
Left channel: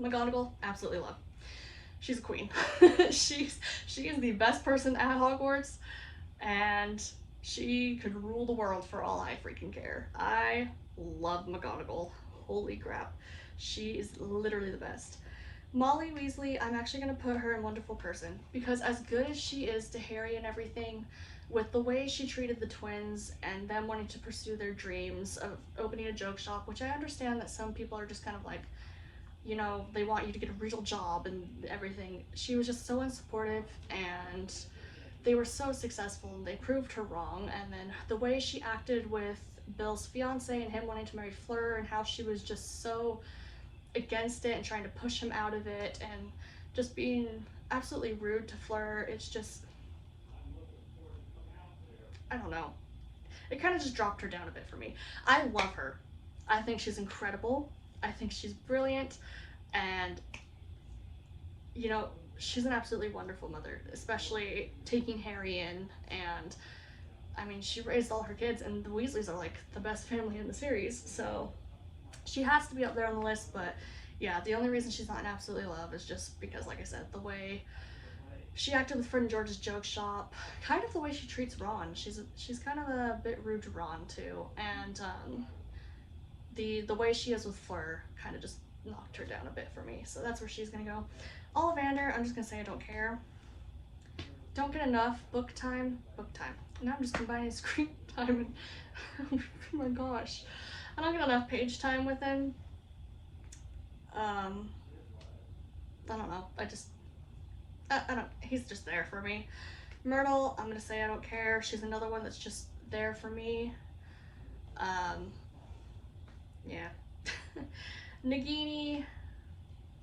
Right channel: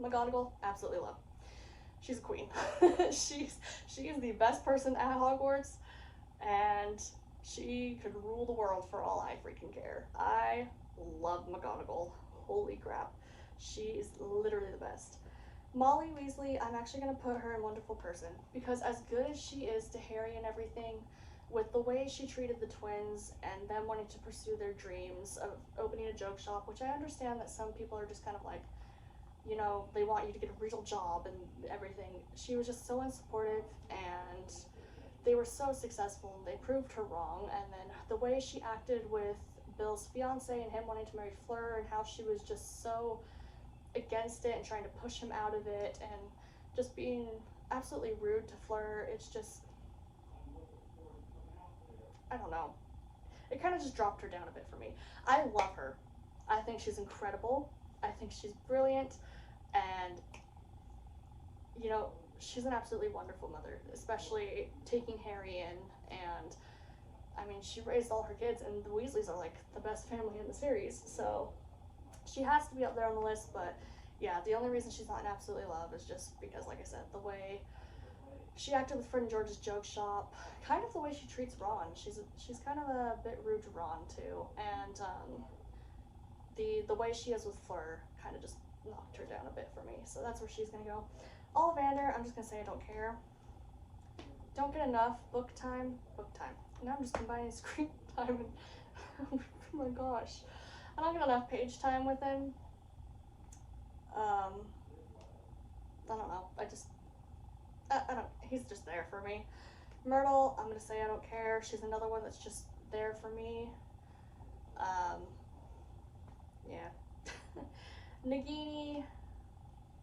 McGonagall, absolutely love. She's a queen. she is the best person at Hogwarts, and she could rule the world for all I freaking care. I love McGonagall. Holy crap. She is literally the best. Molly Weasley, I'm actually going to put her in wonderful person because as good as she is to Harry and everything, with the way she treated the twins and them wanting to pursue their dreams of opening a joke shop, which I understand that some people are just kind of like, you know, they want you to get a real job and everything. She was just so unsupportive, and they were so successful and they proved her wrong. And then the way she acted with Bill's fiance and him wanting to marry Fleur, and how she was just so against it and trying to push him out of it and just being absolutely rude to Fleur, it's just, I don't know. It kind of just dropped her down a bit for me. I love her. I think she's incredible. I think she's brilliant. And, you know, she's an absolutely wonderful mother, especially taking Harry in. And, I mean, she raised all her kids, and the Weasleys are like the best family in the series. So she has to be up there on the list, but yeah, the only reason she's not an absolutely love is just because, like I said, the way she acted with Fred and George's joke shop, kind of the way she treats Ron. She's kind of a bit rude to Ron too, and the way she is with Fleur kind of just knocked her down a bit for me. So that's where she's gonna go. Ollivander, I'm just gonna say I don't care. Don't get enough book time. Book time. Now I'm just combining screen time and oh my gosh, I don't get enough page time with him. I don't know. I don't. He's just there for me. Myrtle, I'm gonna say I don't care. She's another one that's just there for me. Um, yeah. Nagini,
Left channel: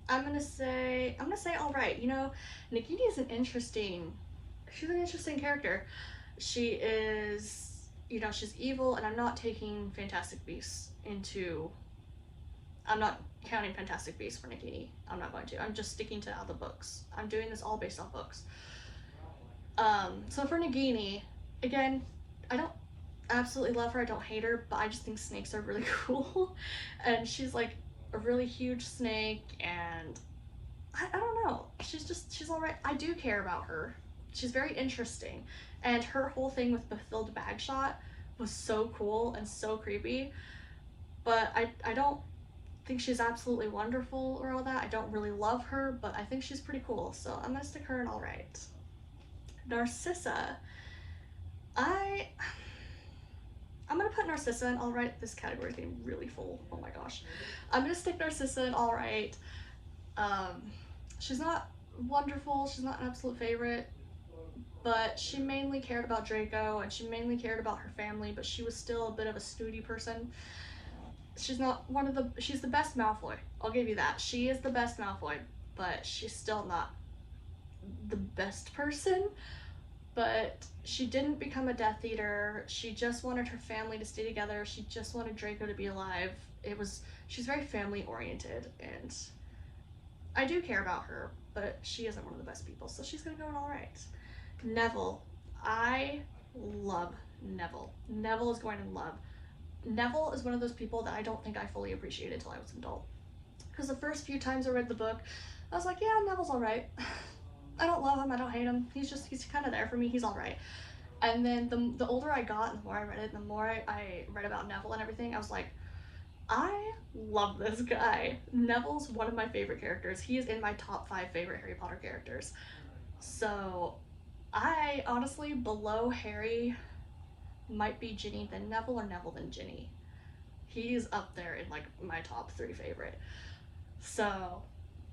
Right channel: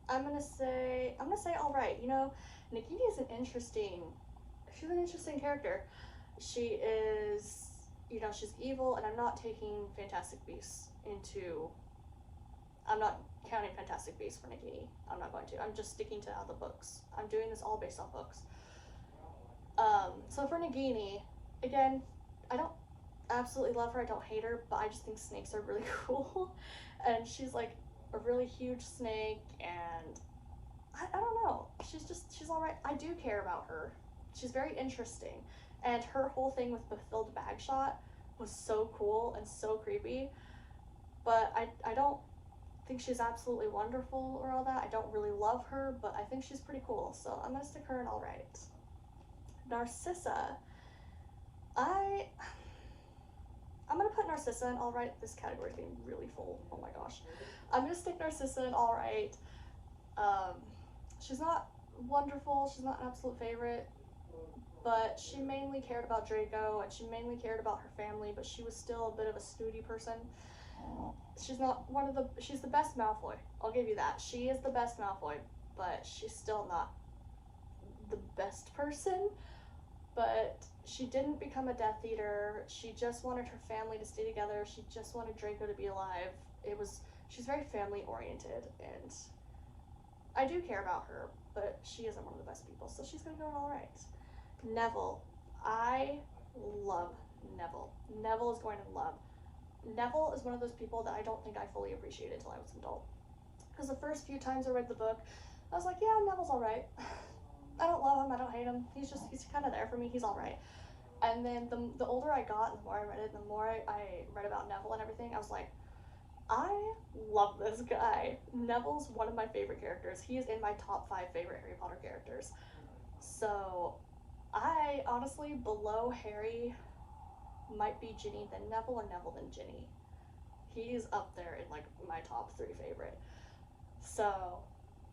I'm gonna say all right. You know, Nagini is she's an interesting character. She is, you know, she's evil, and I'm not taking Fantastic Beasts into. I'm not counting Fantastic Beasts for Nagini. I'm not going to. I'm just sticking to all the books. I'm doing this all based off books. So for Nagini, again, I don't absolutely love her. I don't hate her, but I just think snakes are really cool. And she's like a really huge snake, and I don't know. She's all right. I do care about her. She's very interesting, and her whole thing with Bathilda Bagshot was so cool and so creepy. But I don't think she's absolutely wonderful or all that. I don't really love her, but I think she's pretty cool. So I'm gonna stick her in all right. Narcissa, I I'm gonna put Narcissa in all right. This category is getting really full. Oh my gosh. I'm gonna stick Narcissa in all right. Um, she's not wonderful. She's not an absolute favorite, but she mainly cared about Draco and she mainly cared about her family. But she was still a bit of a snooty person. She's not one of the. She's the best Malfoy. I'll give you that. She is the best Malfoy, but she's still not the best person. But she didn't become a Death Eater. She just wanted her family to stay together. She just wanted Draco to be alive. She's very family oriented, and I do care about her, but she isn't one of the best people, so she's gonna go in all right. Neville, I love Neville. Neville is going in love. Neville is one of those people that I don't think I fully appreciated until I was an adult. Because the first few times I read the book, I was like, yeah, Neville's all right. I don't love him. I don't hate him. He's kind of there for me. He's all right. And then the older I got and the more I read it, and the more I read about Neville and everything, I was like, I love this guy. Neville's one of my favorite characters. He is in my top 5 favorite Harry Potter characters. So I honestly, below Harry might be Ginny, then Neville, or Neville, then Ginny. He's up there in like my top 3 favorite. So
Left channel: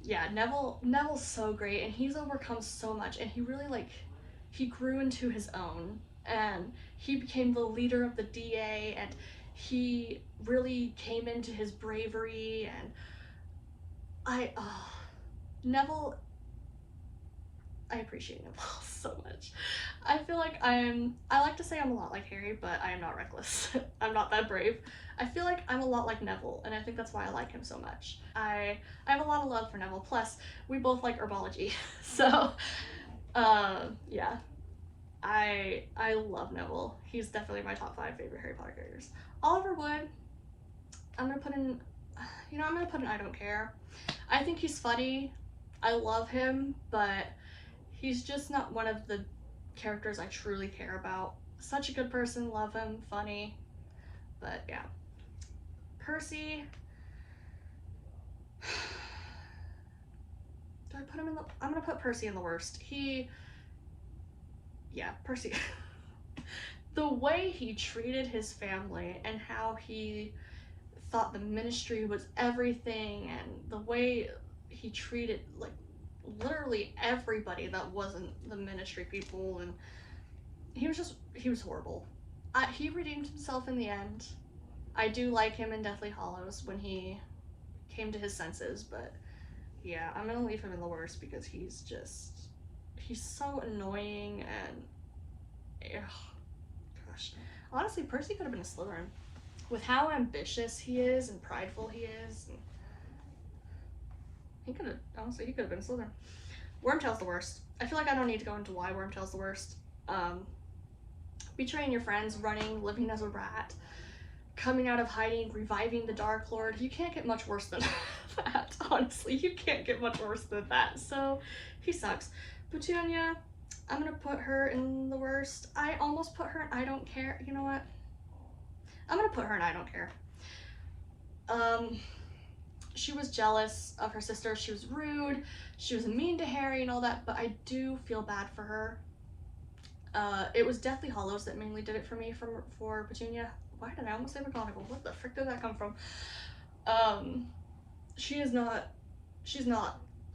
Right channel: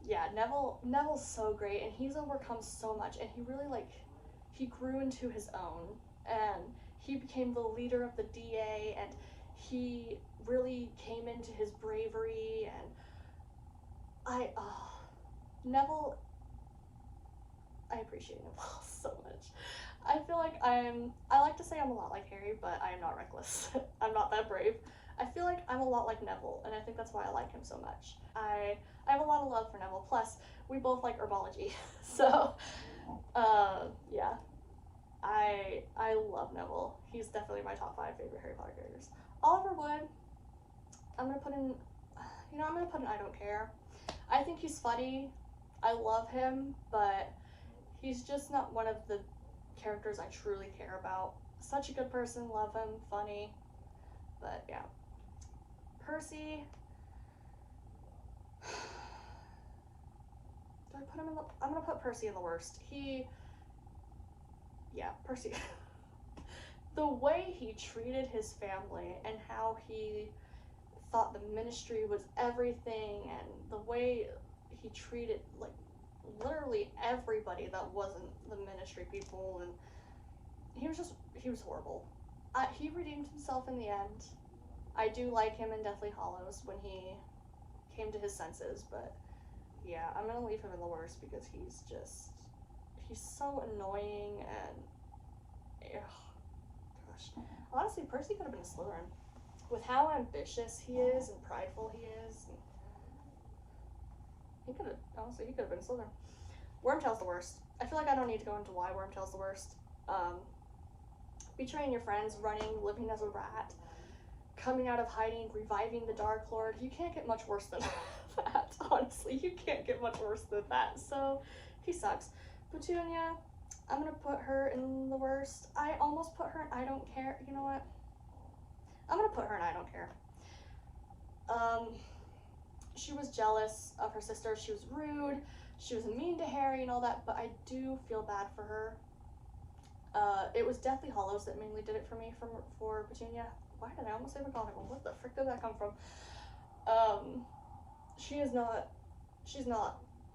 yeah, Neville's so great, and he's overcome so much, and he really like he grew into his own, and he became the leader of the DA, and he really came into his bravery, and Neville, I appreciate Neville so much. I feel like I like to say I'm a lot like Harry, but I am not reckless. I'm not that brave. I feel like I'm a lot like Neville, and I think that's why I like him so much. I have a lot of love for Neville. Plus, we both like herbology, so yeah, I love Neville. He's definitely my top 5 favorite Harry Potter characters. Oliver Wood, I'm gonna put in, I'm gonna put in I don't care. I think he's funny. I love him, but he's just not one of the characters I truly care about. Such a good person, love him, funny, but yeah. Percy, do I put him in the, I'm gonna put Percy in the worst. Percy. The way he treated his family and how he thought the ministry was everything, and the way he treated like literally everybody that wasn't the ministry people, and he was horrible. He redeemed himself in the end. I do like him in Deathly Hallows when he came to his senses, but yeah, I'm gonna leave him in the worst because he's so annoying, and gosh, honestly, Percy could have been a Slytherin. With how ambitious he is and prideful he is, he could have been a Slytherin. Wormtail's the worst. I feel like I don't need to go into why Wormtail's the worst. Betraying your friends, running, living as a rat, coming out of hiding, reviving the Dark Lord. You can't get much worse than that, honestly. You can't get much worse than that. So, he sucks. Petunia, I'm gonna put her in the worst. I almost put her in I don't care. You know what? I'm gonna put her in I don't care. She was jealous of her sister. She was rude. She was mean to Harry and all that, but I do feel bad for her. It was Deathly Hallows that mainly did it for me for Petunia. Why did I almost say McGonagall? What the frick did that come from? She's not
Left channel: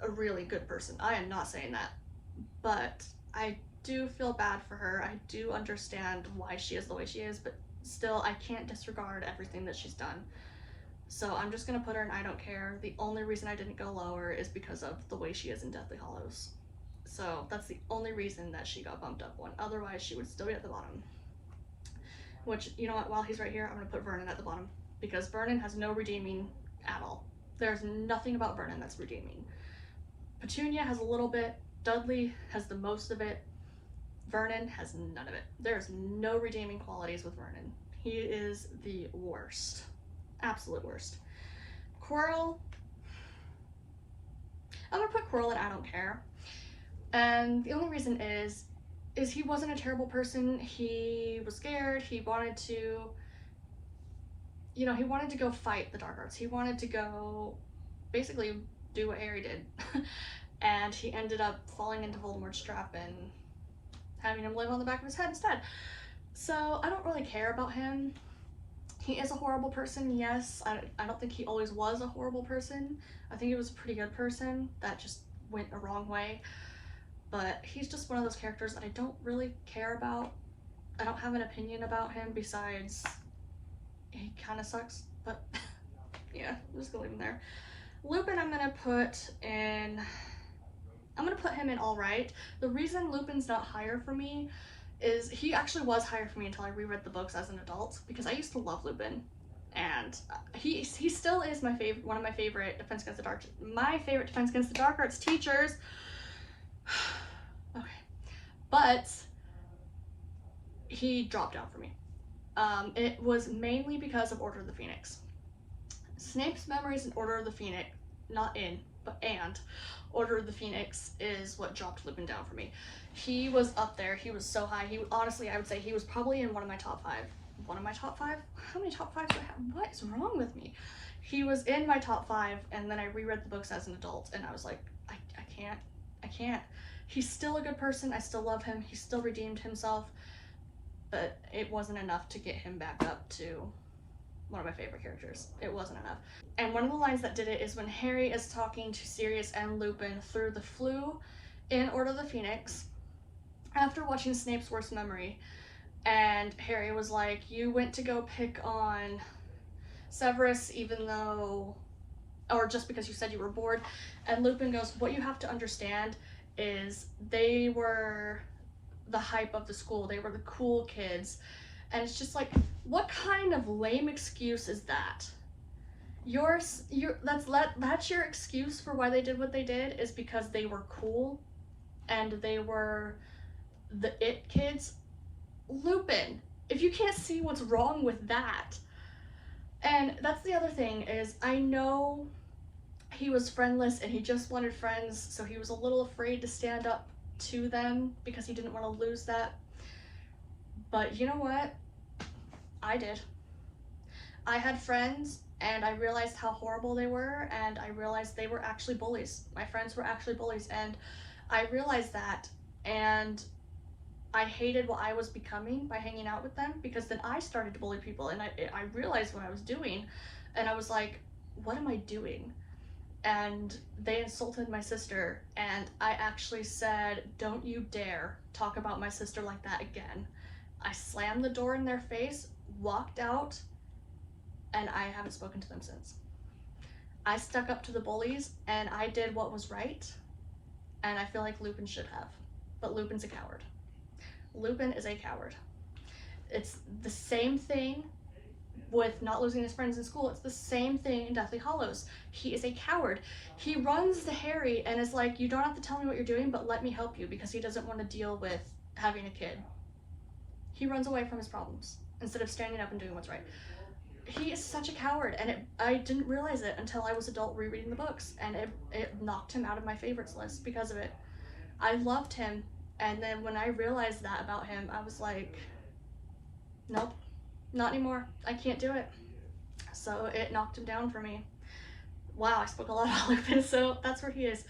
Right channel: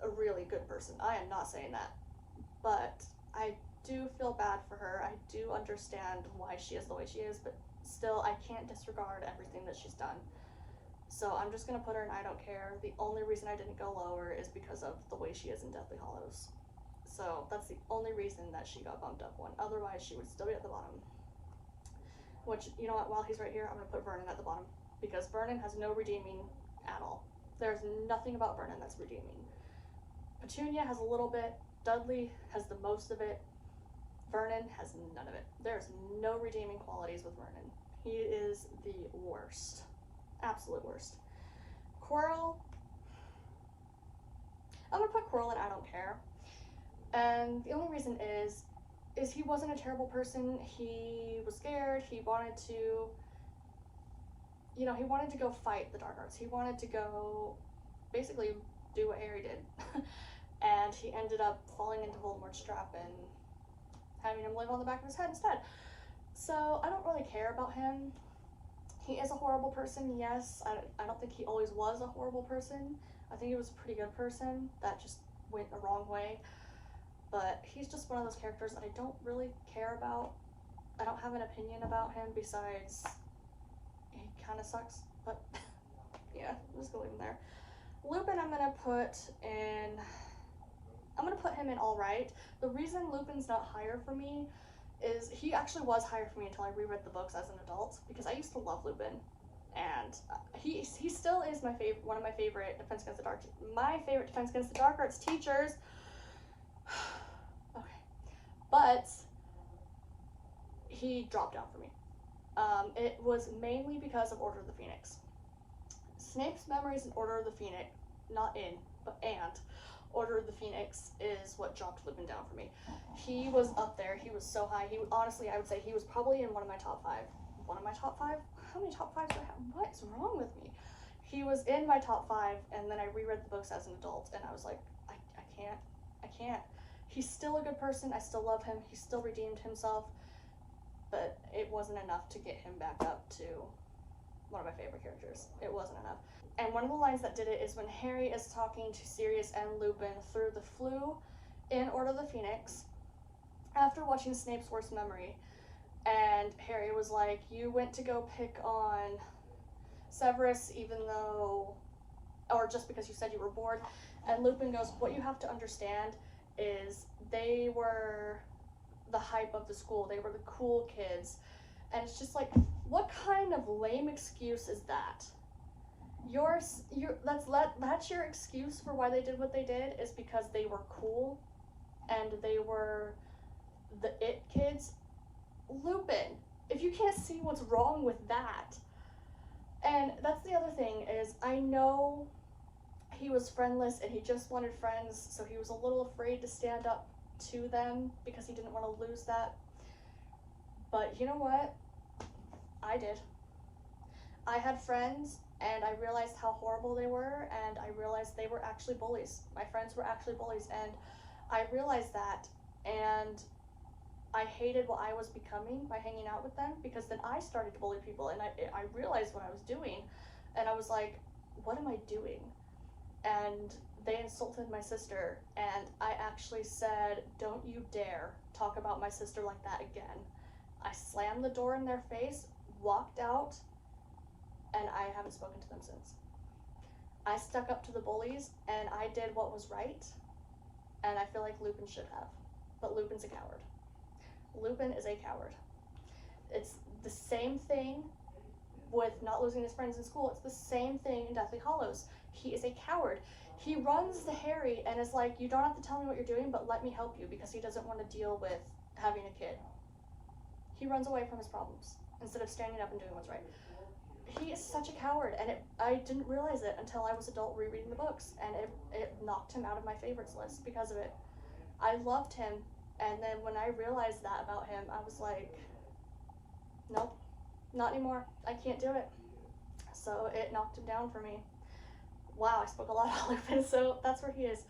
a really good person. I am not saying that. But I do feel bad for her. I do understand why she is the way she is, but still, I can't disregard everything that she's done. So I'm just gonna put her in I don't care. The only reason I didn't go lower is because of the way she is in Deathly Hallows. So that's the only reason that she got bumped up one. Otherwise, she would still be at the bottom. Which, you know what, while he's right here, I'm gonna put Vernon at the bottom. Because Vernon has no redeeming at all. There's nothing about Vernon that's redeeming. Petunia has a little bit. Dudley has the most of it. Vernon has none of it. There's no redeeming qualities with Vernon. He is the worst. Absolute worst. Quirrell, I'm gonna put Quirrell in I don't care. And the only reason is he wasn't a terrible person. He was scared. He wanted to, he wanted to go fight the dark arts. He wanted to go basically do what Harry did. And he ended up falling into Voldemort's trap and having him live on the back of his head instead. So I don't really care about him. He is a horrible person, yes. I don't think he always was a horrible person. I think he was a pretty good person that just went a wrong way. But he's just one of those characters that I don't really care about. I don't have an opinion about him besides he kind of sucks. But yeah, I'm just gonna leave him there. Lupin, I'm gonna put him in all right. The reason Lupin's not higher for me is he actually was higher for me until I reread the books as an adult, because I used to love Lupin, and he still is one of my favorite Defense Against the Dark Arts teachers. Okay, but he dropped down for me. It was mainly because of Order of the Phoenix. Snape's memories in Order of the Phoenix, not in, but and Order of the Phoenix is what dropped Lupin down for me. He was up there. He was so high. Honestly, I would say he was probably in one of my top 5. one of my top 5. How many top 5s do I have? What is wrong with me? He was in my top 5, and then I reread the books as an adult, and I was like, I can't. He's still a good person. I still love him. He still redeemed himself, but it wasn't enough to get him back up to one of my favorite characters. It wasn't enough. And one of the lines that did it is when Harry is talking to Sirius and Lupin through the Floo in Order of the Phoenix after watching Snape's Worst Memory, and Harry was like, you went to go pick on Severus even though, or just because you said you were bored. And Lupin goes, what you have to understand is they were the hype of the school. They were the cool kids. And it's just like, what kind of lame excuse is that? That's your excuse for why they did what they did, is because they were cool and they were the it kids. Lupin, if you can't see what's wrong with that. And that's the other thing, is I know he was friendless and he just wanted friends, so he was a little afraid to stand up to them because he didn't want to lose that. But you know what? I did. I had friends, and I realized how horrible they were, and I realized they were actually bullies. My friends were actually bullies, and I realized that, and I hated what I was becoming by hanging out with them, because then I started to bully people, and I realized what I was doing, and I was like, what am I doing? And they insulted my sister, and I actually said, don't you dare talk about my sister like that again. I slammed the door in their face, walked out, and I haven't spoken to them since. I stuck up to the bullies, and I did what was right, and I feel like Lupin should have. But Lupin's a coward. Lupin is a coward. It's the same thing with not losing his friends in school. It's the same thing in Deathly Hallows. He is a coward. He runs to Harry and is like, you don't have to tell me what you're doing, but let me help you, because he doesn't want to deal with having a kid. He runs away from his problems instead of standing up and doing what's right. He is such a coward, and I didn't realize it until I was adult rereading the books, and it knocked him out of my favorites list because of it. I loved him, and then when I realized that about him, I was like, nope, not anymore. I can't do it. So it knocked him down for me. Wow, I spoke a lot about Lupin, so that's where he is.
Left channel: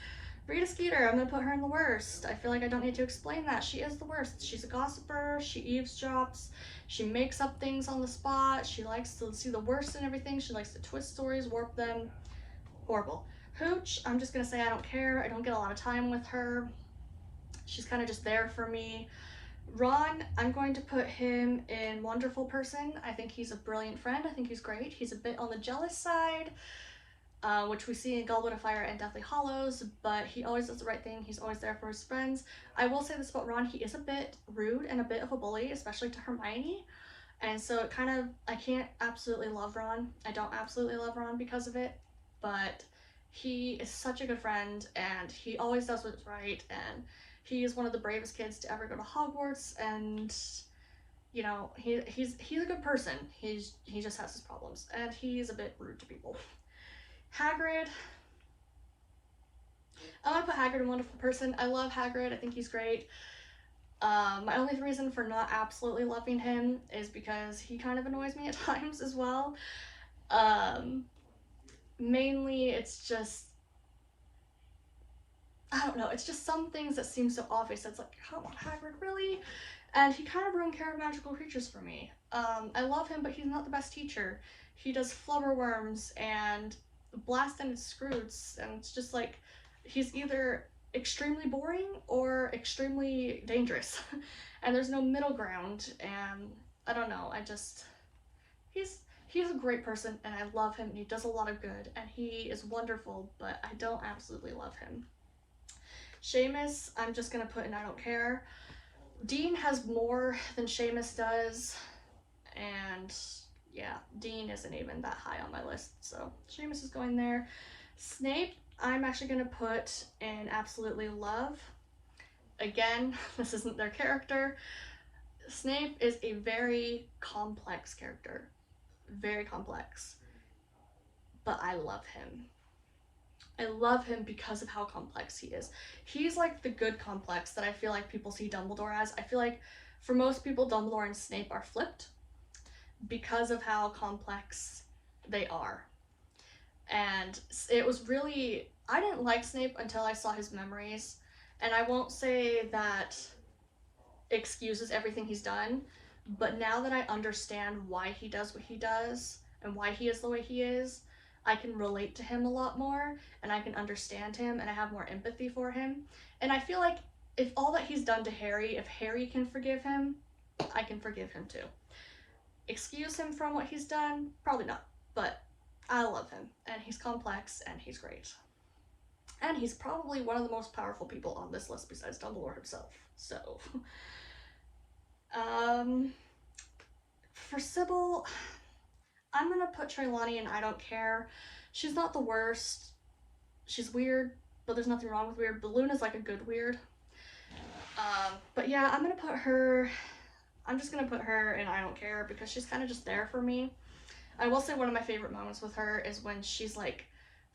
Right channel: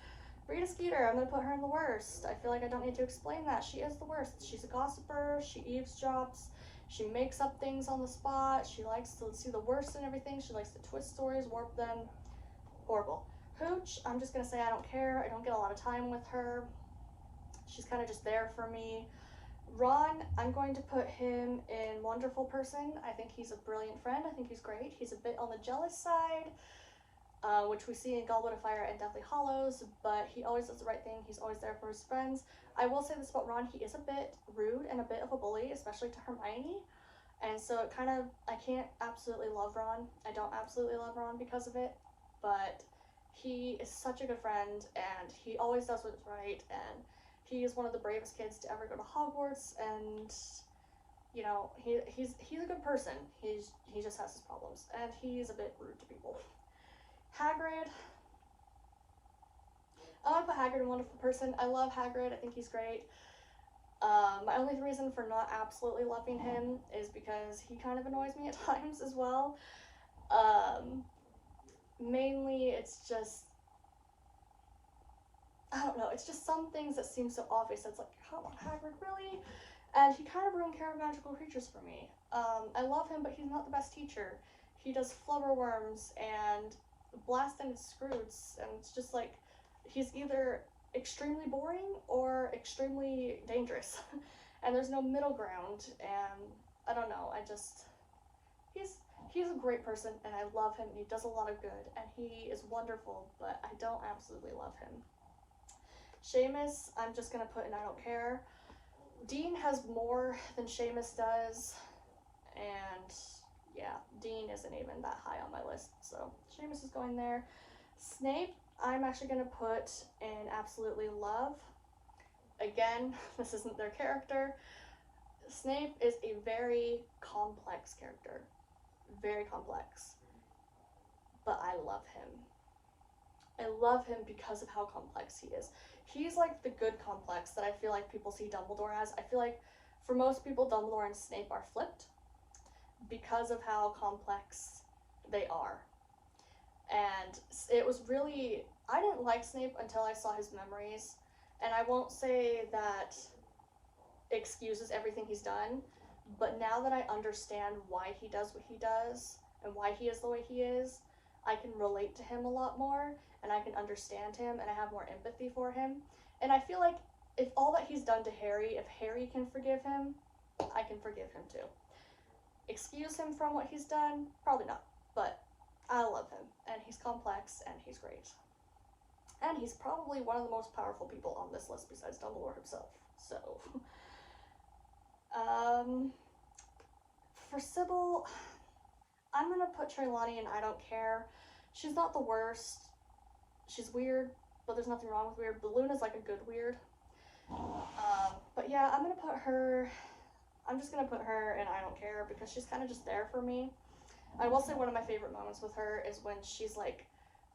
Rita Skeeter, I'm gonna put her in the worst. I feel like I don't need to explain that. She is the worst. She's a gossiper, she eavesdrops, she makes up things on the spot, she likes to see the worst in everything, she likes to twist stories, warp them. Horrible. Hooch, I'm just gonna say I don't care. I don't get a lot of time with her. She's kind of just there for me. Ron, I'm going to put him in wonderful person. I think he's a brilliant friend. I think he's great. He's a bit on the jealous side, which we see in Goblet of Fire and Deathly Hallows, but he always does the right thing. He's always there for his friends. I will say this about Ron, he is a bit rude and a bit of a bully, especially to Hermione, and so it kind of, I can't absolutely love Ron. I don't absolutely love Ron because of it, but he is such a good friend, and he always does what's right, and he is one of the bravest kids to ever go to Hogwarts, and you know, he's a good person. He just has his problems, and he's a bit rude to people. Hagrid. I want to put Hagrid in Wonderful Person. I love Hagrid. I think he's great. My only reason for not absolutely loving him is because he kind of annoys me at times as well. Mainly it's just, I don't know, it's just some things that seem so obvious. It's like, come on, Hagrid, really? And he kind of ruined Care of Magical Creatures for me. I love him, but he's not the best teacher. He does flubberworms and blast-ended Scroots, and it's just like, he's either extremely boring or extremely dangerous. And there's no middle ground, and I don't know, he's a great person, and I love him, and he does a lot of good, and he is wonderful, but I don't absolutely love him. Seamus, I'm just gonna put in I don't care. Dean has more than Seamus does, and yeah, Dean isn't even that high on my list, so Seamus is going there. Snape, I'm actually gonna put in absolutely love. Again, this isn't their character. Snape is a very complex character, very complex, but I love him. I love him because of how complex he is. He's like the good complex that I feel like people see Dumbledore as. I feel like for most people, Dumbledore and Snape are flipped. because of how complex they are. And it was really, I didn't like Snape until I saw his memories, and I won't say that excuses everything he's done, but now that I understand why he does what he does and why he is the way he is, I can relate to him a lot more, and I can understand him, and I have more empathy for him. And I feel like if all that he's done to Harry, if Harry can forgive him, I can forgive him too. Excuse him from what he's done? Probably not, but I love him, and he's complex, and he's great. And he's probably one of the most powerful people on this list besides Dumbledore himself. So, for Sybil, I'm gonna put Trelawney in I Don't Care. She's not the worst. She's weird, but there's nothing wrong with weird. But Luna's like a good weird. But yeah, I'm just gonna put her in I Don't Care because she's kind of just there for me. I will say one of my favorite moments with her is when she's like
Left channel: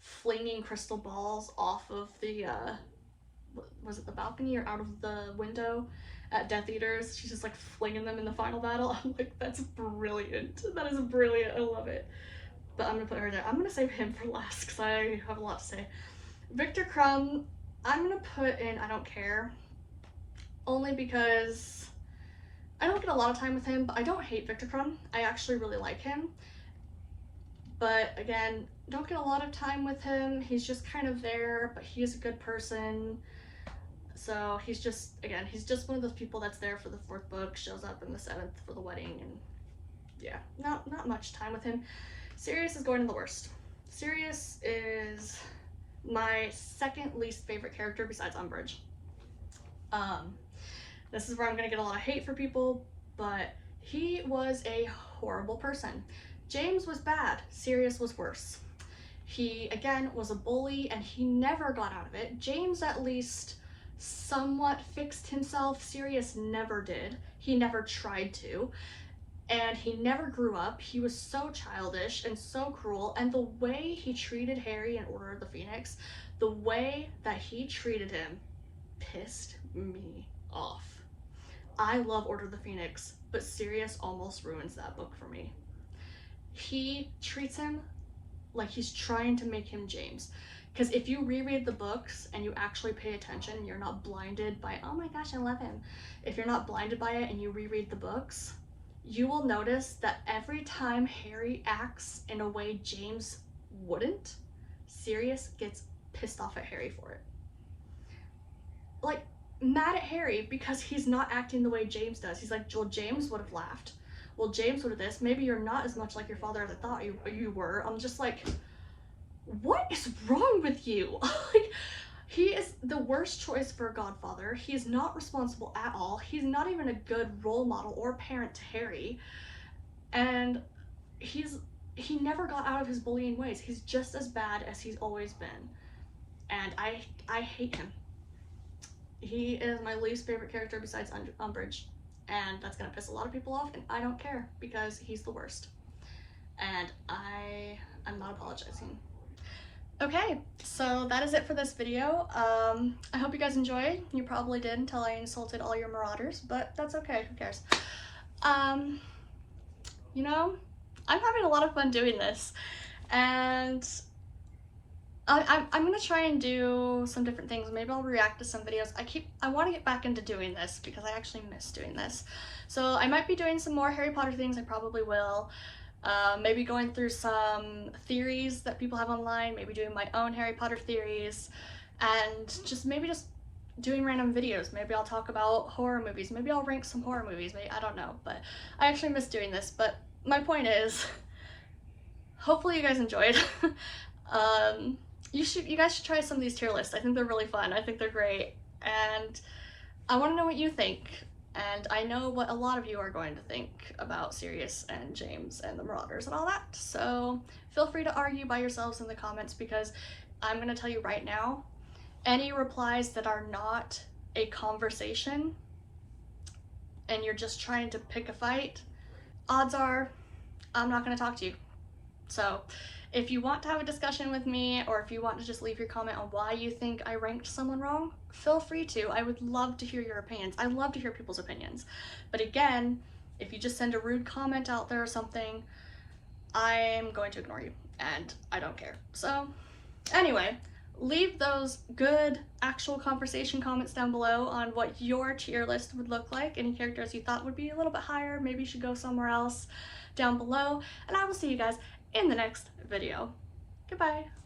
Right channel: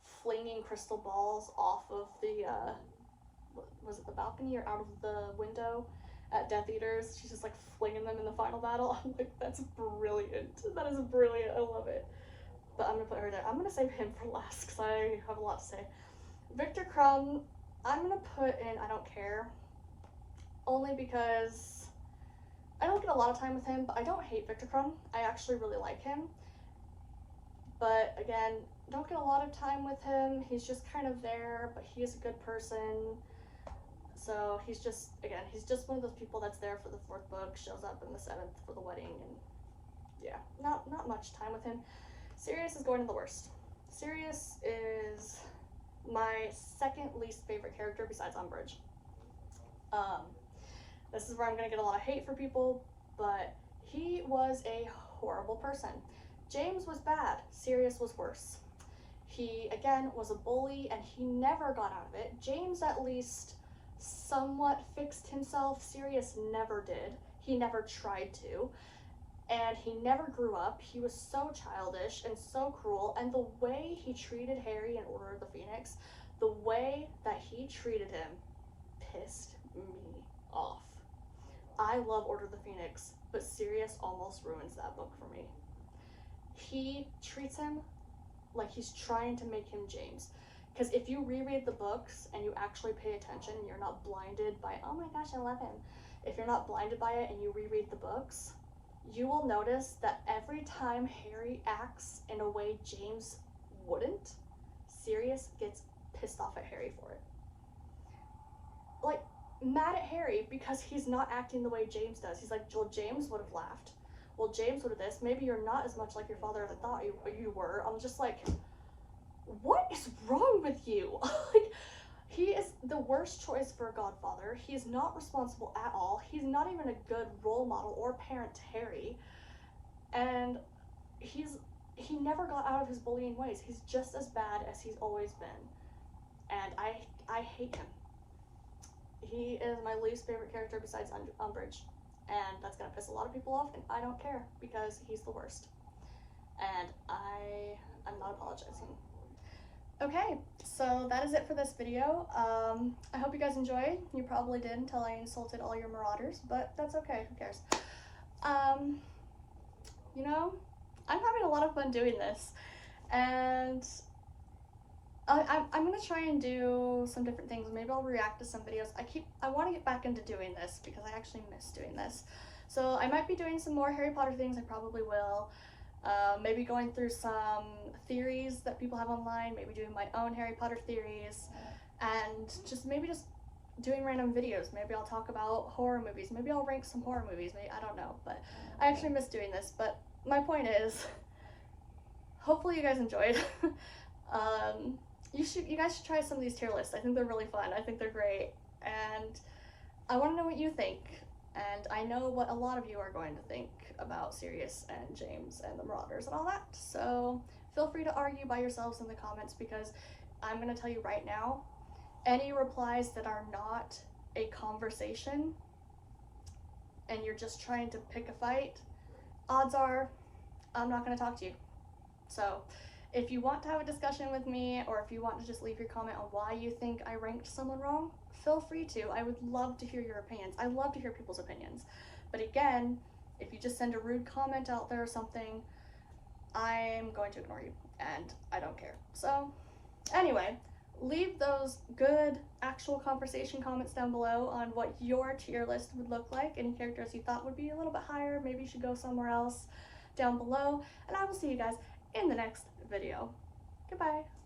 flinging crystal balls off of the, was it the balcony or out of the window at Death Eaters. She's just like flinging them in the final battle. I'm like, that's brilliant. That is brilliant. I love it. But I'm gonna put her there. I'm gonna save him for last because I have a lot to say. Viktor Krum, I'm gonna put in I Don't Care. Only because I don't get a lot of time with him, but I don't hate Viktor Krum. I actually really like him. But again, don't get a lot of time with him. He's just kind of there, but he's a good person. So he's just one of those people that's there for the 4th book, shows up in the 7th for the wedding, and yeah, not much time with him. Sirius is going in the worst. Sirius is my second least favorite character besides Umbridge. This is where I'm gonna get a lot of hate for people, but he was a horrible person. James was bad, Sirius was worse. He, again, was a bully, and he never got out of it. James at least somewhat fixed himself. Sirius never did. He never tried to. And he never grew up. He was so childish and so cruel, and the way he treated Harry in Order of the Phoenix, the way that he treated him pissed me off. I love Order of the Phoenix, but Sirius almost ruins that book for me. He treats him like he's trying to make him James. Because if you reread the books and you actually pay attention, you're not blinded by, oh my gosh, I love him. If you're not blinded by it and you reread the books, you will notice that every time Harry acts in a way James wouldn't, Sirius gets pissed off at Harry for it. Like, mad at Harry because he's not acting the way James does. He's like, well, James would have laughed. Well, James would have this. Maybe you're not as much like your father as I thought you were. I'm just like, what is wrong with you? Like, he is the worst choice for a godfather. He's not responsible at all. He's not even a good role model or parent to Harry. And he never got out of his bullying ways. He's just as bad as he's always been. And I hate him. He is my least favorite character besides Umbridge. And that's gonna piss a lot of people off, and I don't care because he's the worst. And I'm not apologizing. Okay, so that is it for this video. I hope you guys enjoyed. You probably did until I insulted all your Marauders, but that's okay, who cares? You know, I'm having a lot of fun doing this, and I'm gonna try and do some different things. Maybe I'll react to some videos. I want to get back into doing this because I actually miss doing this. So I might be doing some more Harry Potter things. I probably will. Maybe going through some theories that people have online. Maybe doing my own Harry Potter theories, and just doing random videos. Maybe I'll talk about horror movies. Maybe I'll rank some horror movies. Maybe, I don't know. But I actually miss doing this. But my point is, hopefully you guys enjoyed. You guys should try some of these tier lists. I think they're really fun. I think they're great, and I want to know what you think. And I know what a lot of you are going to think about Sirius and James and the Marauders and all that. So feel free to argue by yourselves in the comments, because I'm going to tell you right now, any replies that are not a conversation and you're just trying to pick a fight, odds are I'm not going to talk to you. So if you want to have a discussion with me, or if you want to just leave your comment on why you think I ranked someone wrong, feel free to. I would love to hear your opinions. I love to hear people's opinions. But again, If you just send a rude comment out there or something, I'm going to ignore you, and I don't care. So anyway, leave those good actual conversation comments down below on what your tier list would look like, any characters you thought would be a little bit higher, maybe should go somewhere else down below, and I will see you guys in the next video. Goodbye!